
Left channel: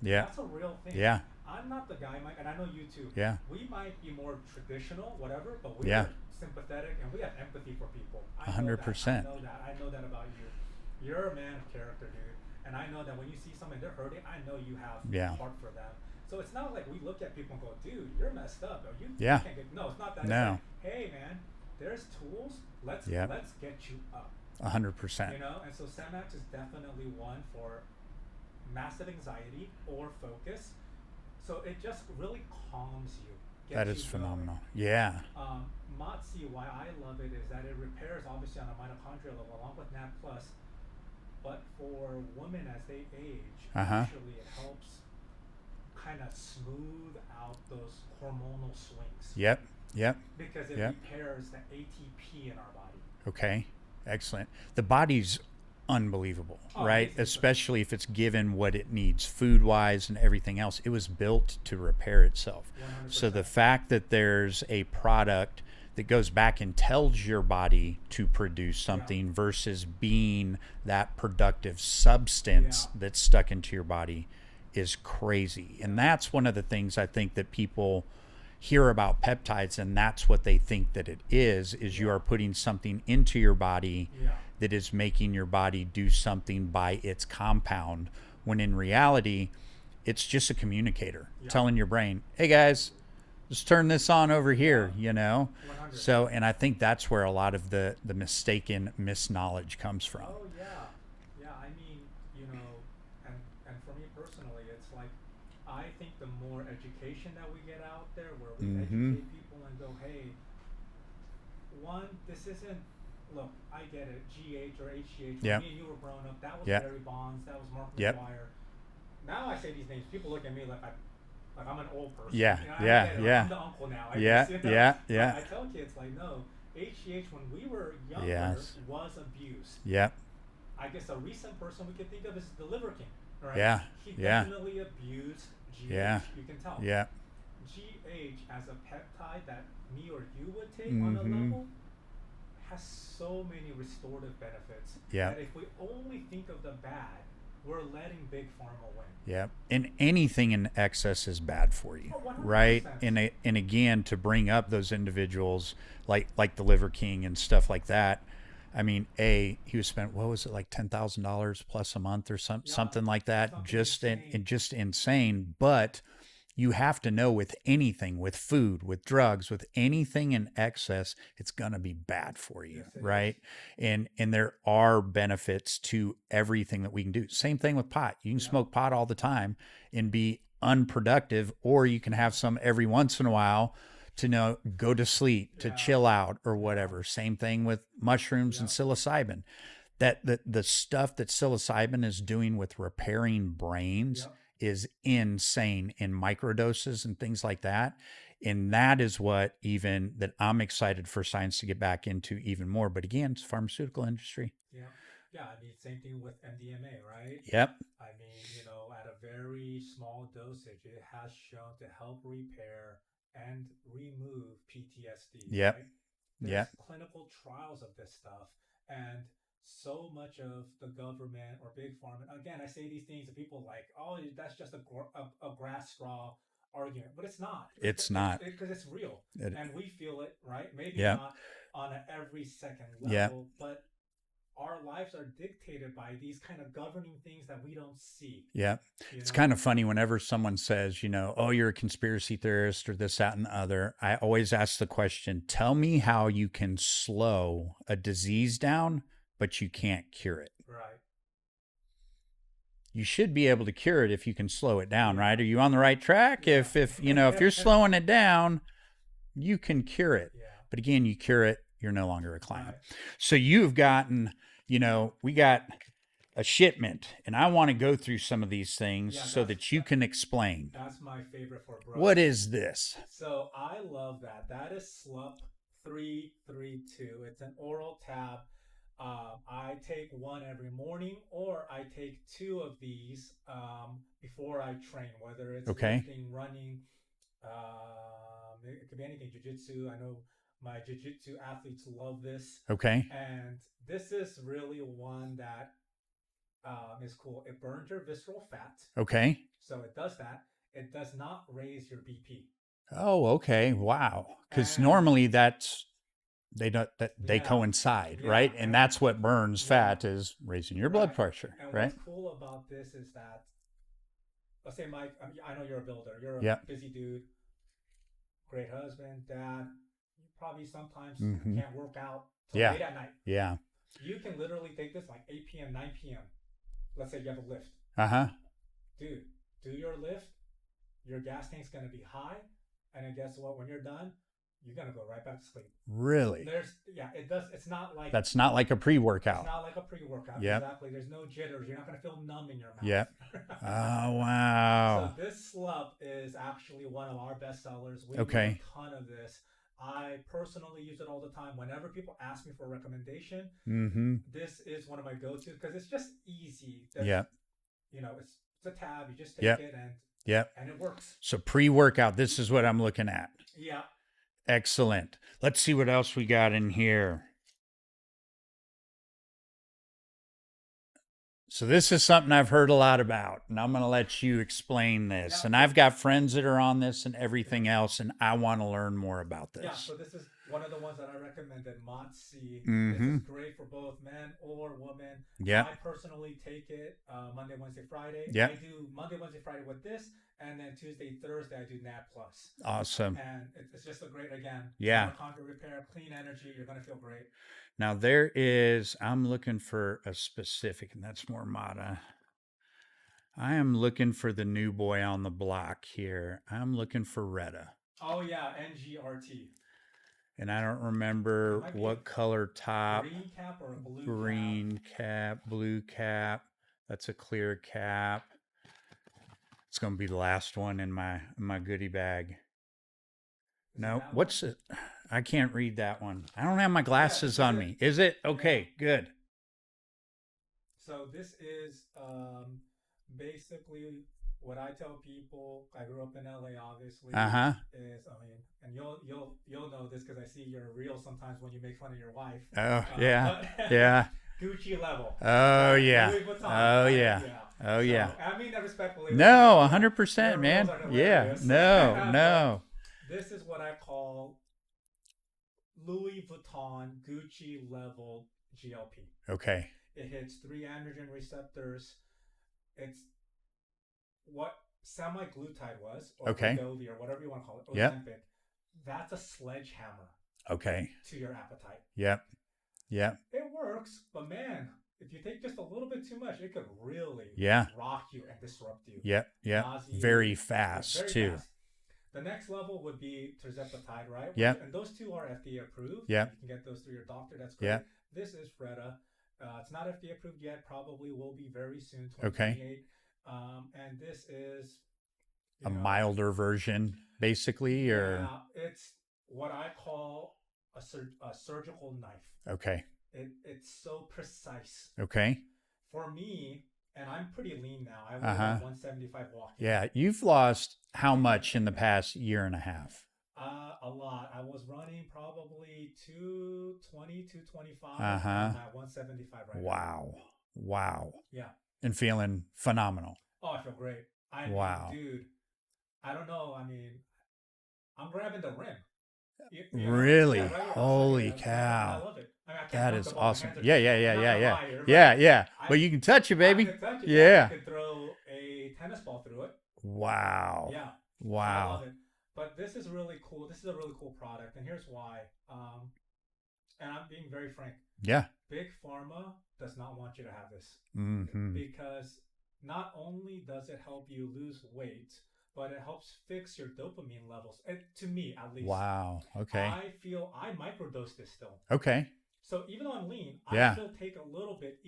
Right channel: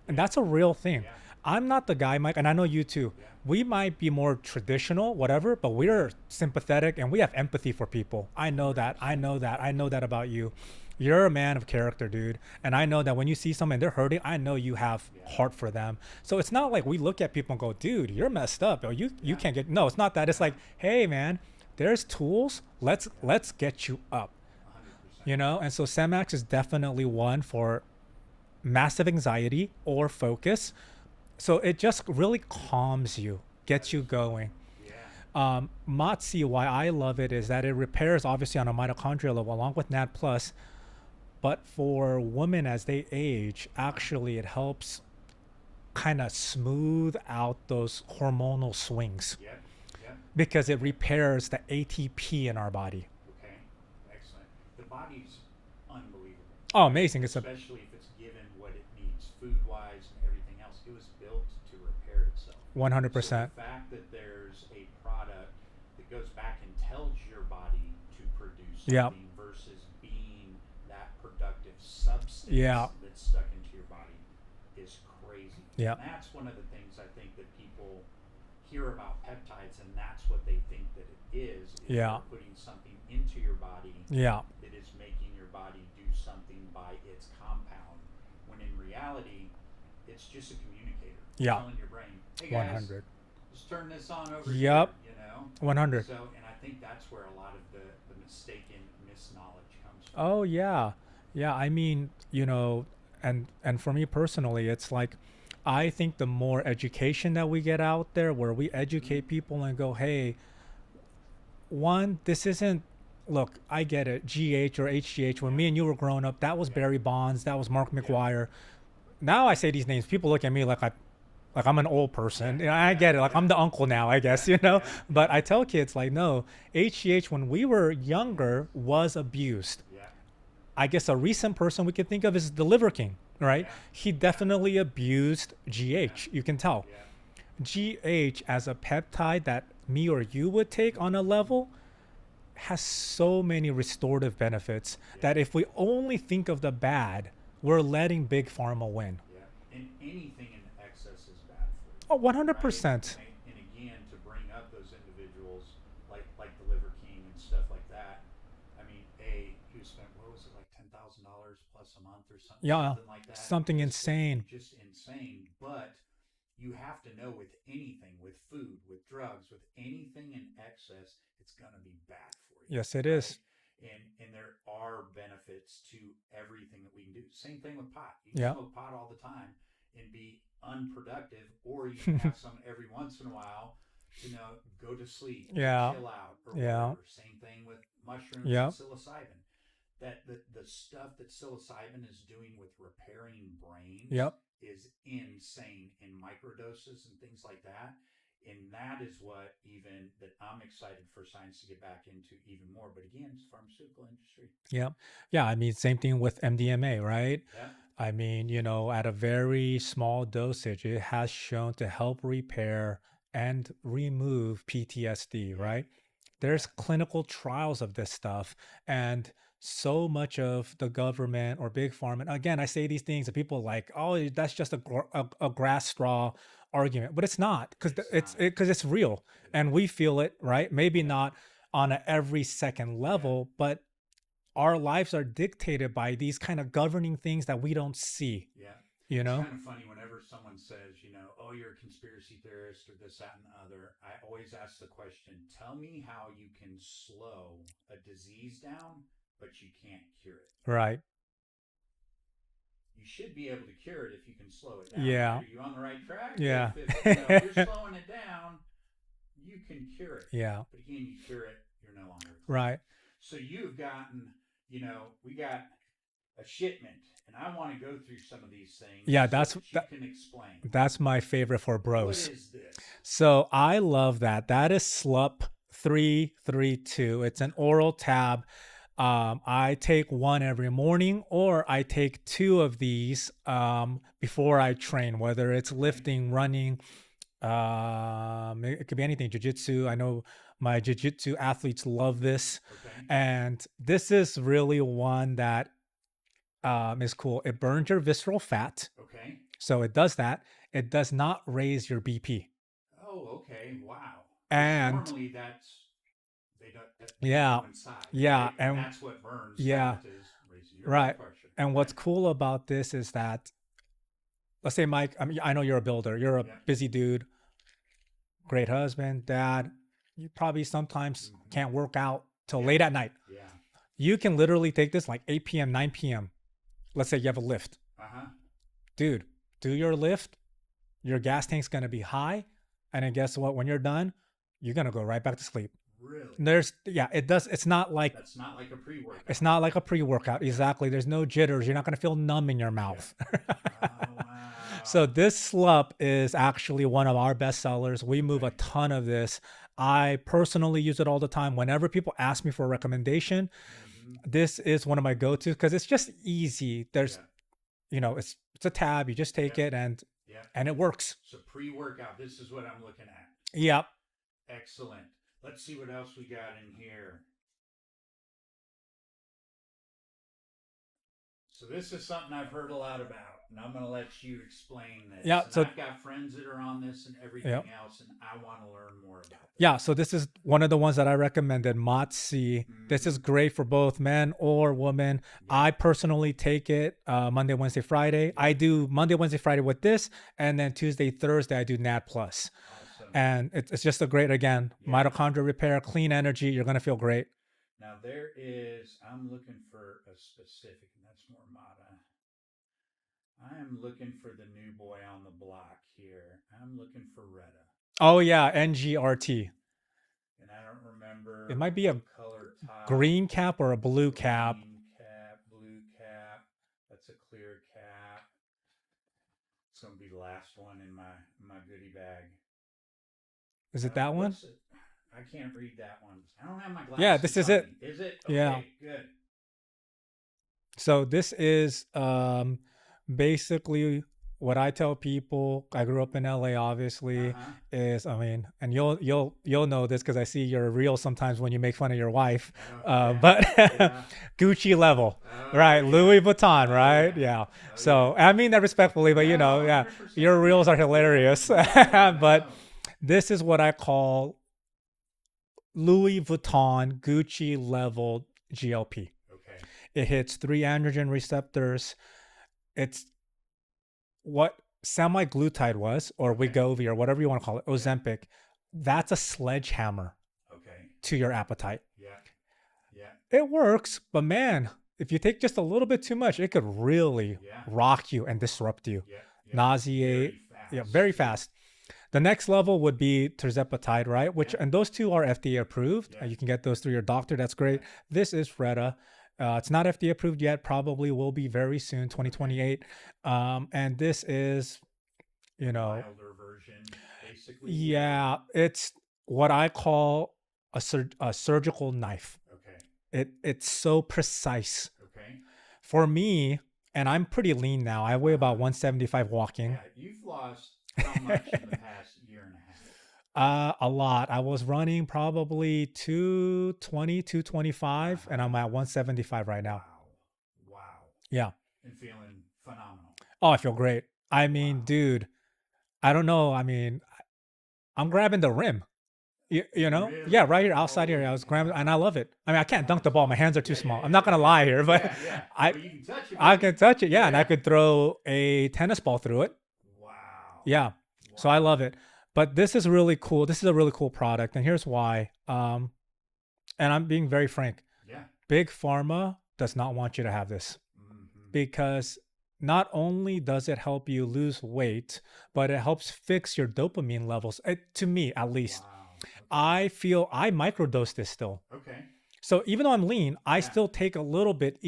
And Yeah. that's a real thing. Yeah. I'm not the guy, Mike, and I know you too. Yeah. We might be more traditional, whatever, but we Yeah. are sympathetic and we have empathy for people. I know that. I 100%. know that. I know that about you. You're a man of character, dude. And I know that when you see someone they're hurting, I know you have Yeah. heart for them. So it's not like we look at people and go, dude, you're messed up. Or you Yeah. can't get. No, it's not that. It's No. like, hey, man, there's tools. Let's Yeah. get you up. 100%. And so Semax is definitely one for massive anxiety or focus. So it just really calms you, gets That you is going. phenomenal. Yeah. MOTS-C, why I love it is that it repairs obviously on a mitochondrial level along with NAD plus, but for women as they age, actually it helps kind of smooth out those hormonal swings Yep. Yep. because it Yep. repairs the ATP in our body. Okay. Excellent. The body's unbelievable, Oh, right? amazing. It's a Especially if it's given what it needs food wise and everything else. It was built to repair itself. So the 100%. fact that there's a product that goes back and tells your body to produce Yeah. something versus being that productive Yeah. substance that's stuck into your body is crazy. Yeah. And that's one of the things I think that people hear about peptides, and that's what they think that it is you Yeah. are putting something into your body Yeah. that is making your body do something by its compound, when in reality it's just a communicator Yeah. telling your brain, hey guys, 100. let's turn this on over here, Yep. you know. 100. So, and I think that's where a lot of the mistaken misknowledge comes from. Oh yeah. Yeah, I mean, and for me personally, it's like I think the more education that we get out there where we Mm-hmm. educate people and go, "Hey, one, this isn't look, I get it. GH or HGH when Yep. me and you were growing up, that was Yep. Barry Bonds, that was Mark Yep. McGuire. Now I say these names, people look at me like I'm an old person. Yeah. I Yeah. get it. Like Yeah. I'm the uncle now, I Yeah. guess. Yeah. But Yeah. I tell kids like, no, HGH when we were younger Yes. was abused. Yep. I guess a recent person we can think of is the Liver King, right? Yeah. He Yeah. definitely abused GH. Yeah. You can tell. Yeah. GH as a peptide that me or you would take on a Mm-hmm. level has so many restorative benefits Yeah. that if we only think of the bad, we're letting Big Pharma win. Yeah, and anything in excess is bad for you. Oh, 100%. Right? And again, to bring up those individuals like the Liver King and stuff like that. I mean, he was spent, what was it, like $10,000 plus a month or Yeah, something like that. something insane. Just insane. But you have to know, with anything, with food, with drugs, with anything in excess, it's gonna be bad for you. Yes, it Right. is. And there are benefits to everything that we can do. Same thing with pot. You can Yeah. smoke pot all the time and be unproductive, or you can have some every once in a while to go to sleep, to Yeah. chill out, or Yeah. whatever. Same thing with mushrooms and Yeah. psilocybin. That the stuff that psilocybin is doing with repairing brains Yep. is insane in microdoses and things like that. And that is what even that I'm excited for science to get back into even more. But again, it's pharmaceutical industry. Yep. Yeah. I mean, same thing with MDMA, right? Yep. I mean, at a very small dosage, it has shown to help repair and remove PTSD, Yep. right? There's Yep. clinical trials of this stuff. And so much of the government or big pharma, and again, I say these things and people are like, oh, that's just a grass straw argument, but it's not because It's not. it's real It, and we feel it, right? Maybe yep. not on a every second Yep. level, but our lives are dictated by these kind of governing things that we don't see. Yeah. You It's know? kind of funny whenever someone says, oh, you're a conspiracy theorist or this, that, and the other. I always ask the question, tell me how you can slow a disease down, but you can't cure it. Right. You should be able to cure it if you can slow it down, Yeah. right? Are you on the right track? Yeah. If you're slowing it down, you can cure it. Yeah. But again, you cure it, you're no longer a client. Right. So you've gotten, we got a shipment, and I want to go through some of these things so that you can explain. That's my favorite for bros. What is this? So I love that. That is SLUP 332. It's an oral tab. I take one every morning, or I take two of these before I train, whether it's Okay. lifting, running. It could be anything. Jiu-jitsu. I know my jiu-jitsu athletes love this. Okay. And this is really one that is cool. It burns your visceral fat. Okay. So it does that. It does not raise your BP. Oh, okay. Wow. Because And- normally they Yeah. coincide, Yeah, right? And and- that's what burns Yeah. fat, is raising your Right. blood pressure. And right? what's cool about this is that, let's say, Mike, I know you're a builder. You're a Yeah. busy dude, great husband, dad. You probably sometimes Mhm. can't work out till Yeah. late at night. Yeah. You can literally take this like 8 p.m., 9 p.m. Let's say you have a lift. Uh-huh. Dude, do your lift. Your gas tank's going to be high. And then guess what? When you're done, you're going to go right back to sleep. Really? It does. It's not like That's not like a pre-workout. It's not like a pre-workout. Yep. Exactly. There's no jitters. You're not going to feel numb in your mouth. Oh, wow. So this SLUP is actually one of our best sellers. We move a Okay. ton of this. I personally use it all the time. Whenever people ask me for a recommendation, Mm-hmm. this is one of my go-tos because it's just easy. There's, Yep. it's a tab. You just take Yep. it and Yep. it works. So pre-workout, this is what I'm looking at. Yep. Excellent. Let's see what else we got in here. So this is something I've heard a lot about, and I'm going to let you explain this. Yeah. And So I've got friends that are on this and yeah. everything else, and I want to learn more about this. Yeah, so this is one of the ones that I recommended, Motzi. This is great for both men or women. Yep. I personally take it Monday, Wednesday, Friday. Yep. I do Monday, Wednesday, Friday with this, and then Tuesday, Thursday, I do Nat Plus. Awesome. And it's just a great, again, mitochondria repair, clean energy. You're going to feel great. Now there is, I'm looking for a specific, and that's more Mata. I am looking for the new boy on the block here. I'm looking for Retta. Oh, yeah, NGRT. And I don't remember it might be what a color top. Green cap or a blue cap. Green cap, blue cap. That's a clear cap. It's going to be the last one in my goodie bag. Is it that one? What's it? I can't read that one. I don't have my glasses on me. Is it? Okay, good. So this is basically what I tell people. I grew up in LA, obviously. Is, I mean, and you'll know this because I see your reels sometimes when you make fun of your wife. But Gucci level, right? Louis Vuitton, right? Yeah. So I mean that respectfully, but 100%. Your reels are hilarious. No. But this is what I call Louis Vuitton Gucci level GLP. Okay. It hits 3 androgen receptors. It's what semaglutide was, or Wegovy, or whatever you want to call it, Ozempic. That's a sledgehammer. Okay. To your appetite. Yep. It works, but man, if you take just a little bit too much, it could really rock you and disrupt you. Yep. Nausea. Very fast. Very fast. The next level would be tirzepatide, right? And those two are FDA approved. Yeah. You can get those through your doctor. That's great. This is Retta. It's not FDA approved yet. Probably will be very soon, 2028. And this is, a milder version, basically. Yeah, it's what I call a surgical knife. Okay. It's so precise. Okay. For me, and I'm pretty lean now. I weigh about 175 walking. Yeah, you've lost how much in the past year and a half? A lot. I was running probably 220, 225, and I'm at 175 right now. Wow. Yeah. And feeling phenomenal. Oh, I feel great. I mean, dude, I don't know. I mean, I'm grabbing the rim. You know? Really? Yeah, right here outside here. I was grabbing, and I love it. I mean, I can't dunk the ball. Awesome. My hands are too small. I'm not going to lie here. But but you can touch it, baby. I can touch it. Yeah. And I could throw a tennis ball through it. Wow. Yeah. Wow. So I love it. But this is really cool. This is a really cool product. And here's why. And I'm being very frank. Yeah. Big Pharma does not want you to have this. Because not only does it help you lose weight, but it helps fix your dopamine levels. To me, at least. Wow. Okay. I feel I microdose this still. Okay. So even though I'm lean, I still take a little bit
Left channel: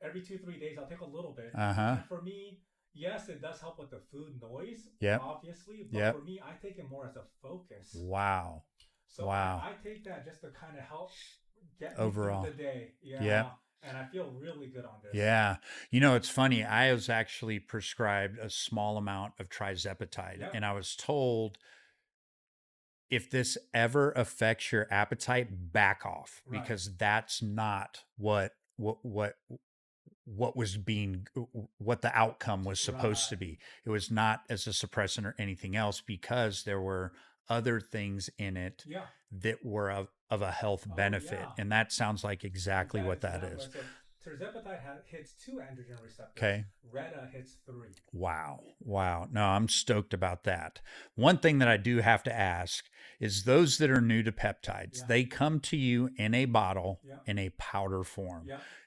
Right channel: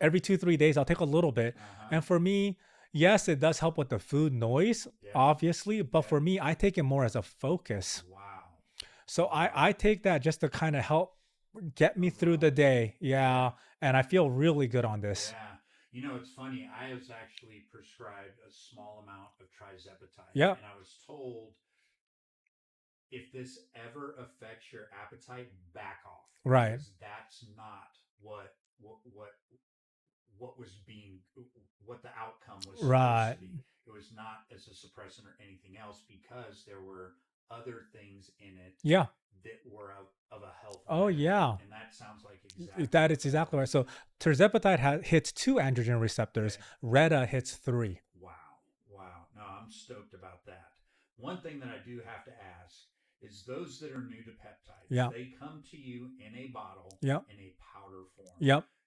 every 2-3 days. I'll take a little bit. And for me, yes, it does help with the food noise, obviously. But for me, I take it more as a focus. Wow. So I take that just to kind of help get me through the day. Yeah. And I feel really good on this. Yeah. You know, it's funny. I was actually prescribed a small amount of trizepatide. Yeah. And I was told, if this ever affects your appetite, back off. Right. Because that's not what was what the outcome was supposed to be. It was not as a suppressant or anything else, because there were other things in it that were of a health benefit. And that sounds like exactly that what is exactly right. So tirzepatide hits 2 androgen receptors. Retta hits 3. Wow. No, I'm stoked about that. One thing that I do have to ask is, those that are new to peptides, they come to you in a bottle, in a powder form.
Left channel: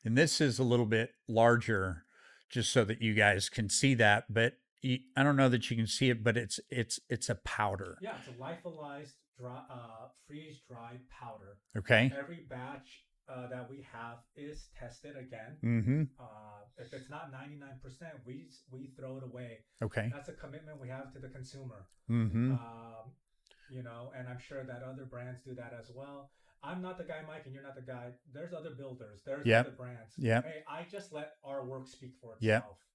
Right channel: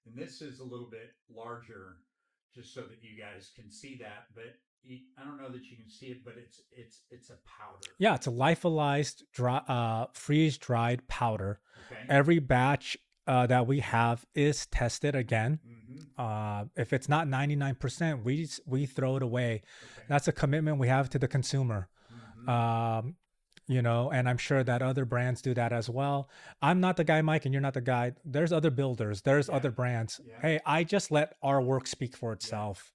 And this is a little bit larger, just so that you guys can see that. But I don't know that you can see it, but it's a powder. Yeah, it's a lyophilized, freeze-dried powder. Okay. Every batch that we have is tested again. If it's not 99%, we throw it away. Okay. That's a commitment we have to the consumer. and I'm sure that other brands do that as well. I'm not the guy, Mike, and you're not the guy. There's other builders, there's other Yep. brands. Yep. Hey, I just let our work speak for Yep. itself.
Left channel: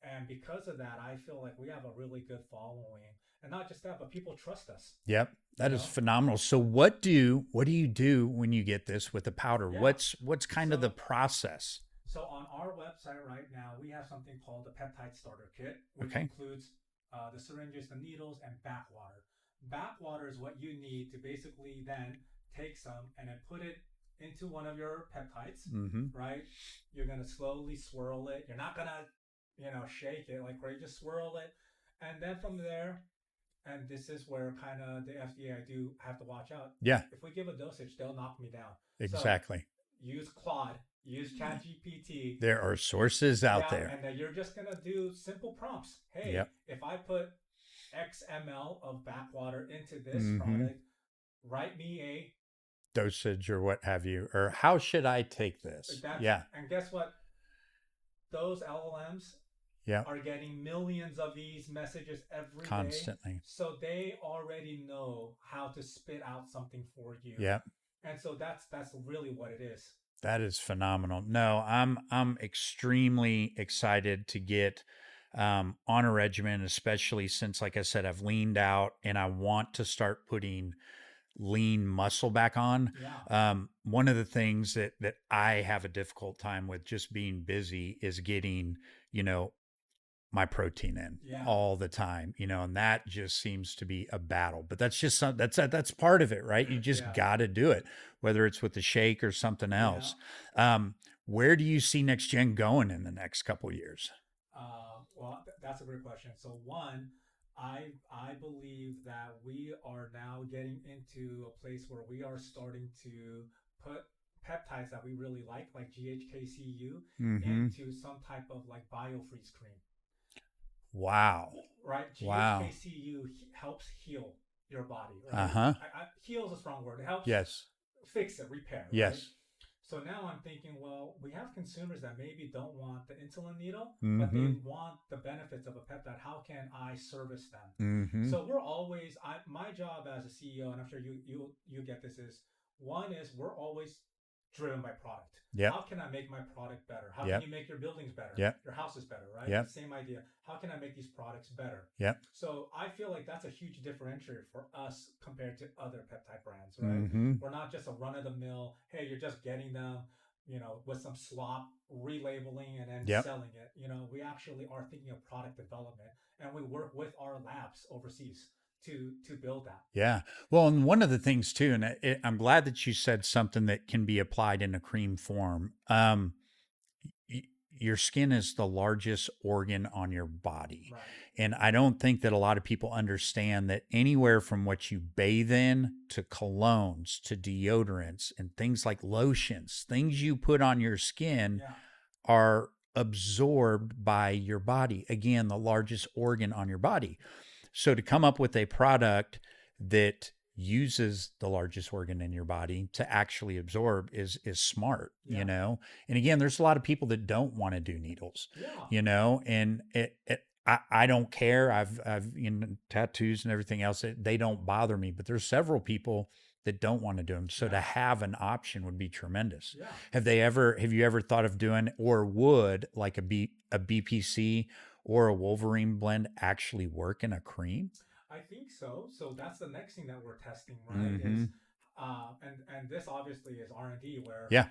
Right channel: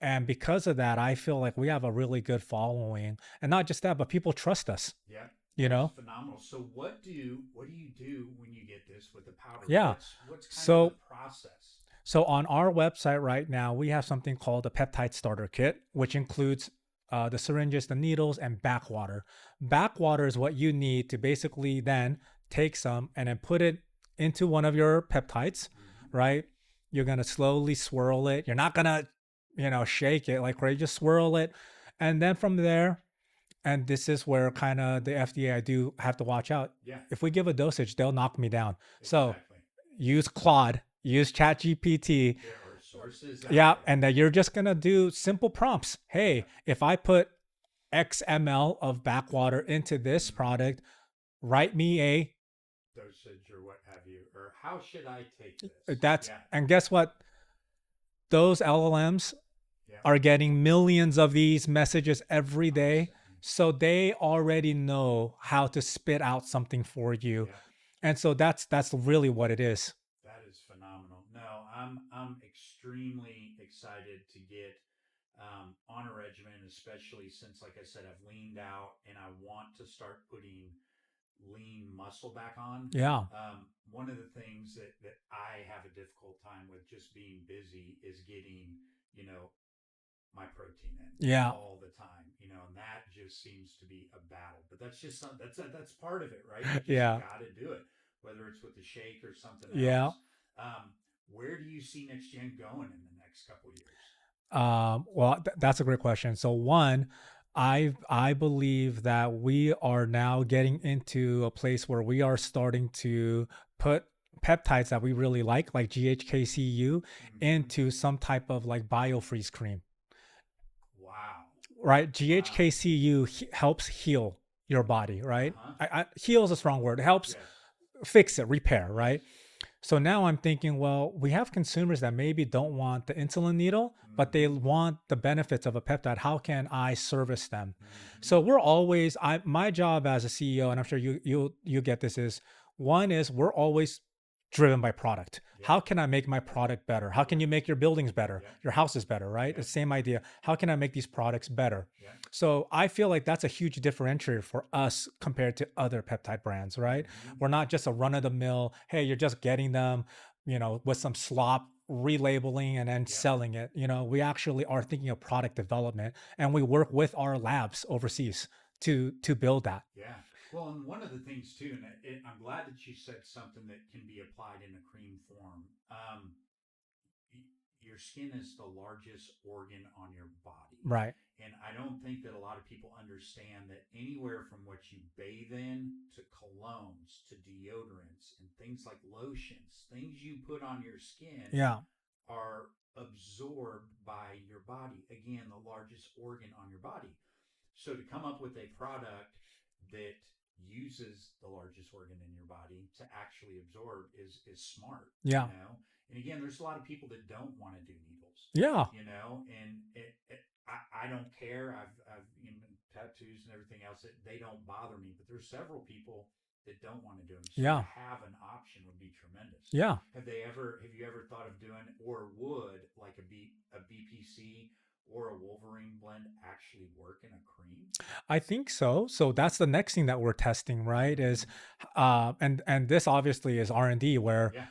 And because of that, I feel like we have a really good following. And not just that, but people trust us, Yep. you That is know? phenomenal. So what do you do when you get this with the powder? Yeah. What's kind of the So process? So on our website right now, we have something called a peptide starter kit, which Okay. includes the syringes, the needles, and backwater. Backwater is what you need to basically then take some and then put it into one of your peptides, Mm-hmm. right? You're gonna slowly swirl it. You're not gonna, shake it like crazy. Just swirl it, and then from there, and this is where kind of the FDA I do have to watch out. Yeah, If we give a dosage, they'll knock me down. So exactly. use Claude, use ChatGPT. There are sources out Yeah, there. and that you're just gonna do simple prompts. Hey, Yep. if I put X ml of backwater into this Mm-hmm. product, write me a Dosage or what have you, or how should I take this? that's Yeah. and guess what? Those LLMs Yeah. are getting millions of these messages every day. Constantly. So they already know how to spit out something for you. Yeah. And so that's really what it is. That is phenomenal. No, I'm extremely excited to get on a regimen, especially since, like I said, I've leaned out and I want to start putting lean muscle back on. Yeah. One of the things that I have a difficult time with just being busy is getting, you know, my protein in Yeah. all the time, and that just seems to be a battle. But that's just that's part of it, right? You just Yeah. got to do it, whether it's with the shake or something Yeah. else. Where do you see next gen going in the next couple years? Well, that's a great question. So one, I believe that we are now getting into a place where we are starting to put peptides that we really like GHKCU, Mm-hmm. into some type of like biofreeze cream, Wow. right? Wow. GHKCU helps heal your body, Uh right? huh. Heal is a strong word. It helps Yes. fix it, repair, right? Yes. So now I'm thinking, well, we have consumers that maybe don't want the insulin needle, but they Mm-hmm. want the benefits of a peptide. How can I service them? Mm-hmm. So we're always my job as a CEO, and I'm sure you get this, is one is we're always driven by product. Yep. How can I make my product better? How can Yep. you make your buildings better? Yep. Your houses better, right? The Yep. same idea. How can I make these products better? Yep. So I feel like that's a huge differentiator for us compared to other peptide brands, right? Mm-hmm. We're not just a run of the mill, hey, you're just getting them, with some slop relabeling and then Yep. selling it. We actually are thinking of product development, and we work with our labs overseas to build that. Yeah. Well, and one of the things too, and I'm glad that you said something that can be applied in a cream form. Y- your skin is the largest organ on your body. Right. And I don't think that a lot of people understand that anywhere from what you bathe in to colognes to deodorants and things like lotions, things you put on your skin Yeah. are absorbed by your body. Again, the largest organ on your body. So to come up with a product that uses the largest organ in your body to actually absorb is smart, Yeah. And again, there's a lot of people that don't want to do needles, Yeah. and I don't care. I've tattoos and everything else. They don't bother me, but there's several people that don't want to do them. So to Yeah. have an option would be tremendous. Yeah. Have you ever thought of doing, or would like a BPC or a Wolverine blend actually work in a cream? I think so. So that's the next thing that we're testing, right? Mm-hmm. Is and this obviously is R&D, where Yeah.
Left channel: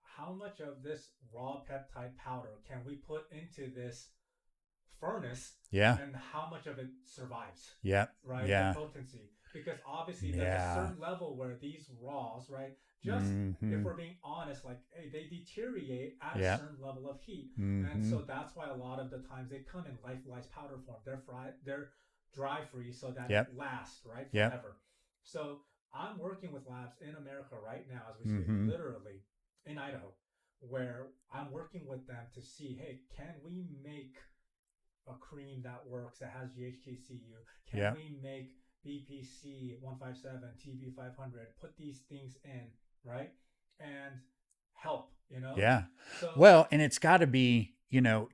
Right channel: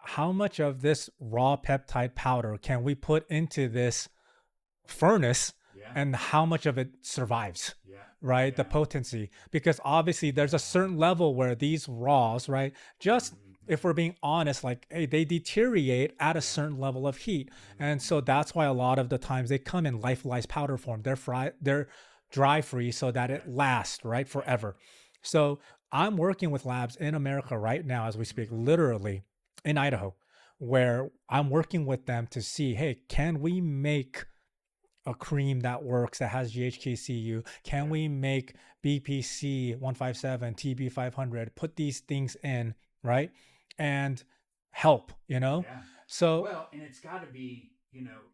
how much of this raw peptide powder can we put into this furnace, Yeah. and how much of it survives, Yeah. right? The Yeah. potency, because obviously there's a Yeah. certain level where these raws, right, just if Mm-hmm. we're being honest, like, hey, they deteriorate at a Yeah. certain level of heat. And Mm-hmm. so that's why a lot of the times they come in lyophilized powder form. They're dry free so that it Yep. lasts, right, Yep. forever. So I'm working with labs in America right now as we speak, Mm-hmm. literally in Idaho, where I'm working with them to see, hey, can we make a cream that works, that has GHKCU? Can Yep. we make BPC 157, TB 500, put these things in, right? And help, Yeah. So, Well, and it's got to be,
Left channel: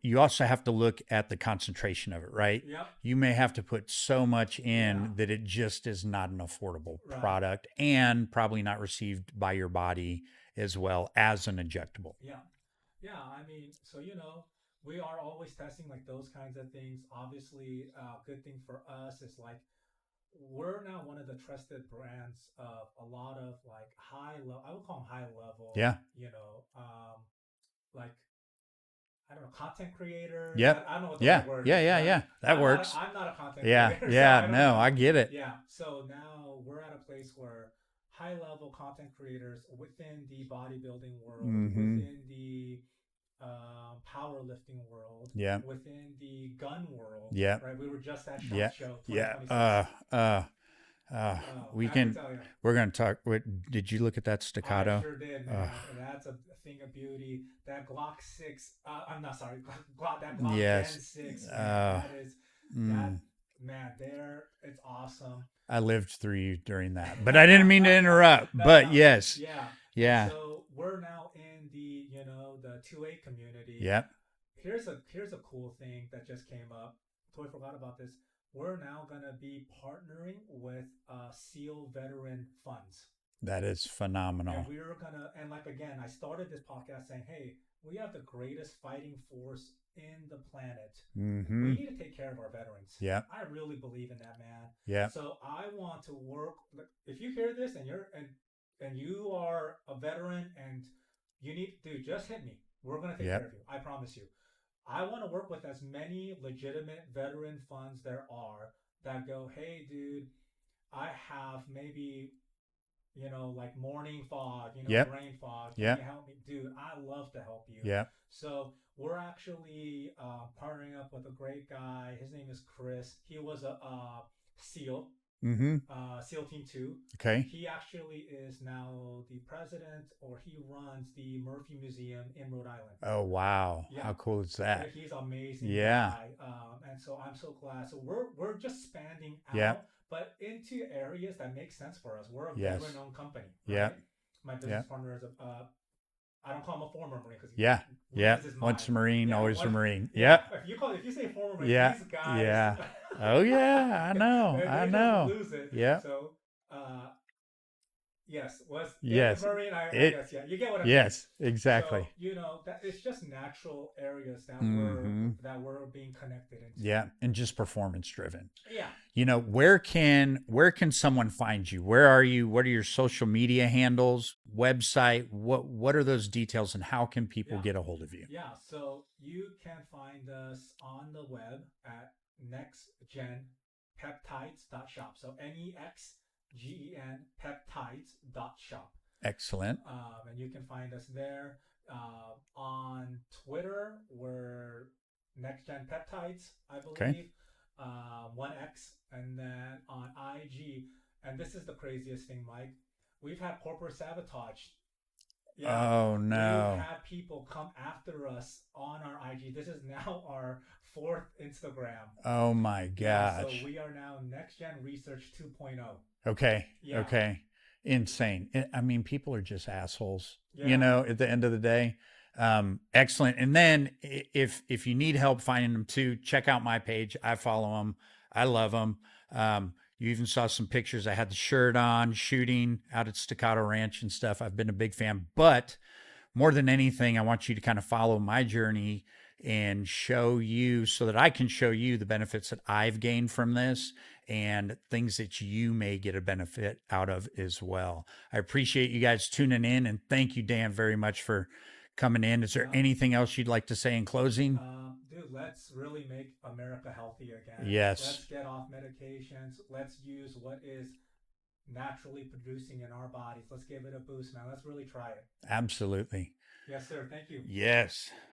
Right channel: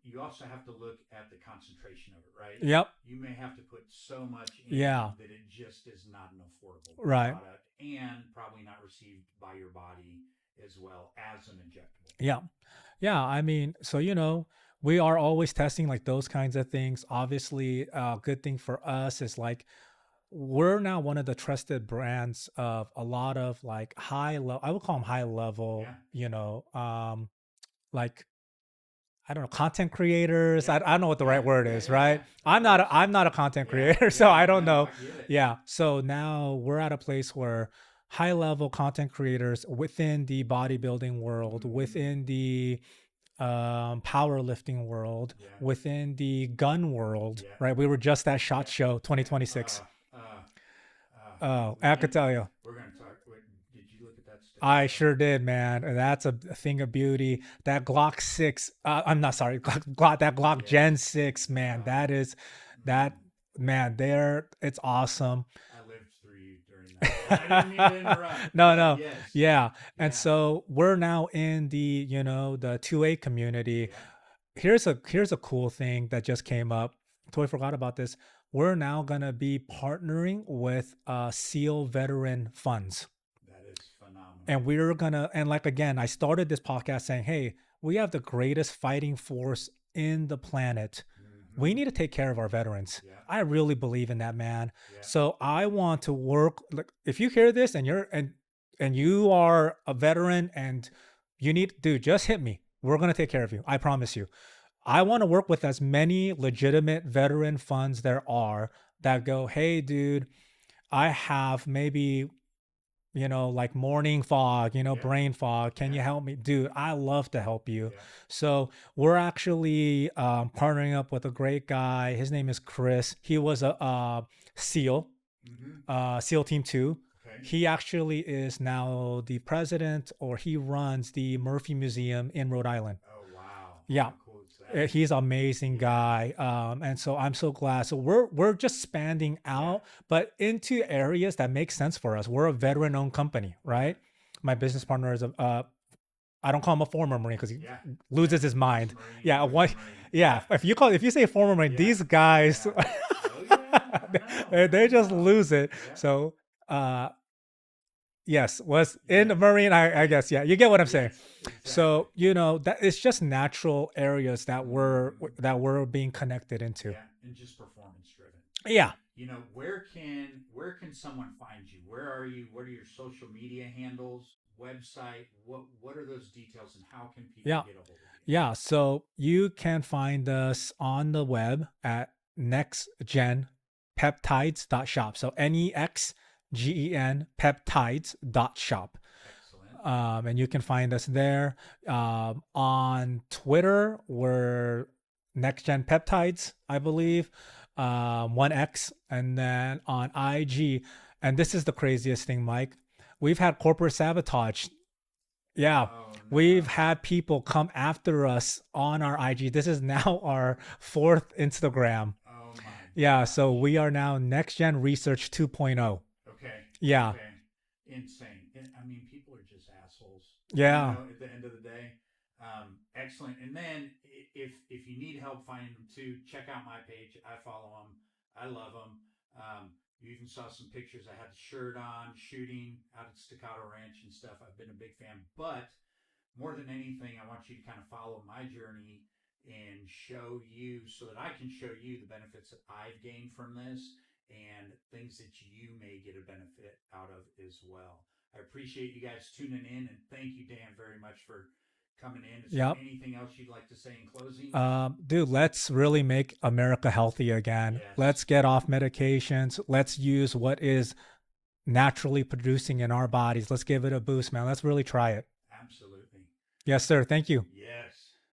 you also have to look at the concentration of it, right? Yep. You may have to put so much Yeah. in that it just is not an affordable Right. product and probably not received by your body as well as an injectable. Yeah. Yeah. I mean, so, we are always testing like those kinds of things. Obviously, a good thing for us is like we're now one of the trusted brands of a lot of like high level, I would call them high level, Yeah. like I don't know, content creators. Yep. I don't know what the right Yeah. word Yeah. is, Yeah. right? Yeah. That works. I'm not a content Yeah. creator, so Yeah. I don't No, know. I get it. Yeah. So now we're at a place where high level content creators within the bodybuilding world, Mm-hmm. within the powerlifting world, Yeah. within the gun world, Yeah. right? We were just at SHOT Yeah. Show Yeah. 2026. Oh, We I have to can. tell you, We're gonna talk. Wait, did you look at that I staccato? sure did, Uh, man. That's a thing of beauty. That Glock 6, I'm not sorry, that Glock Gen yes. 6, man. Uh, That, mm, man, it's awesome. I lived through you during that, but I didn't mean to interrupt. No, But no. yes, Yeah. And yeah, so we're now in the, the 2A community. yeah, Here's a cool thing that just came up. Totally forgot about this. We're now gonna be partnering with SEAL veteran funds. that is And phenomenal. we're gonna, and like again, I started this podcast saying, hey, we have the greatest fighting force in the planet. Mm-hmm. We need to take care of our veterans. Yeah, I really believe in that, man. yeah, So I want to work, like, if you hear this and and you are a veteran and you need, dude, just hit me. We're gonna take yeah, care of you. I promise you. I want to work with as many legitimate veteran funds there are that go, hey, dude, I have maybe, like morning fog, yep, brain fog. Can you yep, help me? Dude, I love to help you. yep. So we're actually partnering up with a great guy. His name is Chris. He was a SEAL, Mm-hmm. SEAL Team 2. Okay. He actually is now the president, or he runs the Murphy Museum in Rhode Island. Oh wow, Yeah, how cool is that? he's an amazing Yeah, guy, and so I'm so glad. So we're just expanding yeah, out, but into areas that make sense for us. We're a yes, veteran-owned company, yep, right? My business yep, partner is a I don't call him a former Marine because he yeah, loses yep. his Once a mind. Marine, Yeah, always a what? Marine. Yeah, Yep, if you say former Marine, yeah, these guys yeah. Oh yeah, I know, I they just know. lose it. Yep, So uh yes, was in the yes, Marine. I it, guess, yeah, you get what I'm saying. yes, exactly. So that it's just natural areas that Mm-hmm. we're being connected into. Yeah, and just performance driven. Yeah. Where can someone find you? Where are you? What are your social media handles, website? What are those details, and how can people Yeah. get a hold of you? Yeah. So you can find us on the web at nextgenpeptides.shop. So NEXGEN peptides.shop. Excellent. And you can find us there. On Twitter, we're NexGen Peptides, I Okay. believe, 1X. And then on IG, and this is the craziest thing, Mike, we've had corporate sabotage. Yeah, Oh we've no. had people come after us on our IG. This is now our fourth Instagram. Oh my Yeah, so gosh. we are now NextGen Research 2.0. Okay. Yeah, Okay. Insane. I mean, people are just assholes. yeah, At the end of the day. Excellent. And then if you need help finding them too, check out my page. I follow them. I love them. You even saw some pictures. I had the shirt on, shooting out at Staccato Ranch and stuff. I've been a big fan. But more than anything, I want you to kind of follow my journey and show you so that I can show you the benefits that I've gained from this and things that you may get a benefit out of as well. I appreciate you guys tuning in, and thank you, Dan, very much for coming in. Is there yep. anything else you'd like to say in closing? Dude, let's really make America healthy again. Let's Yes, get off medications. Let's use what is naturally producing in our bodies. Let's give it a boost, man. Let's really try it. absolutely. Yes, sir. Thank you. Yes.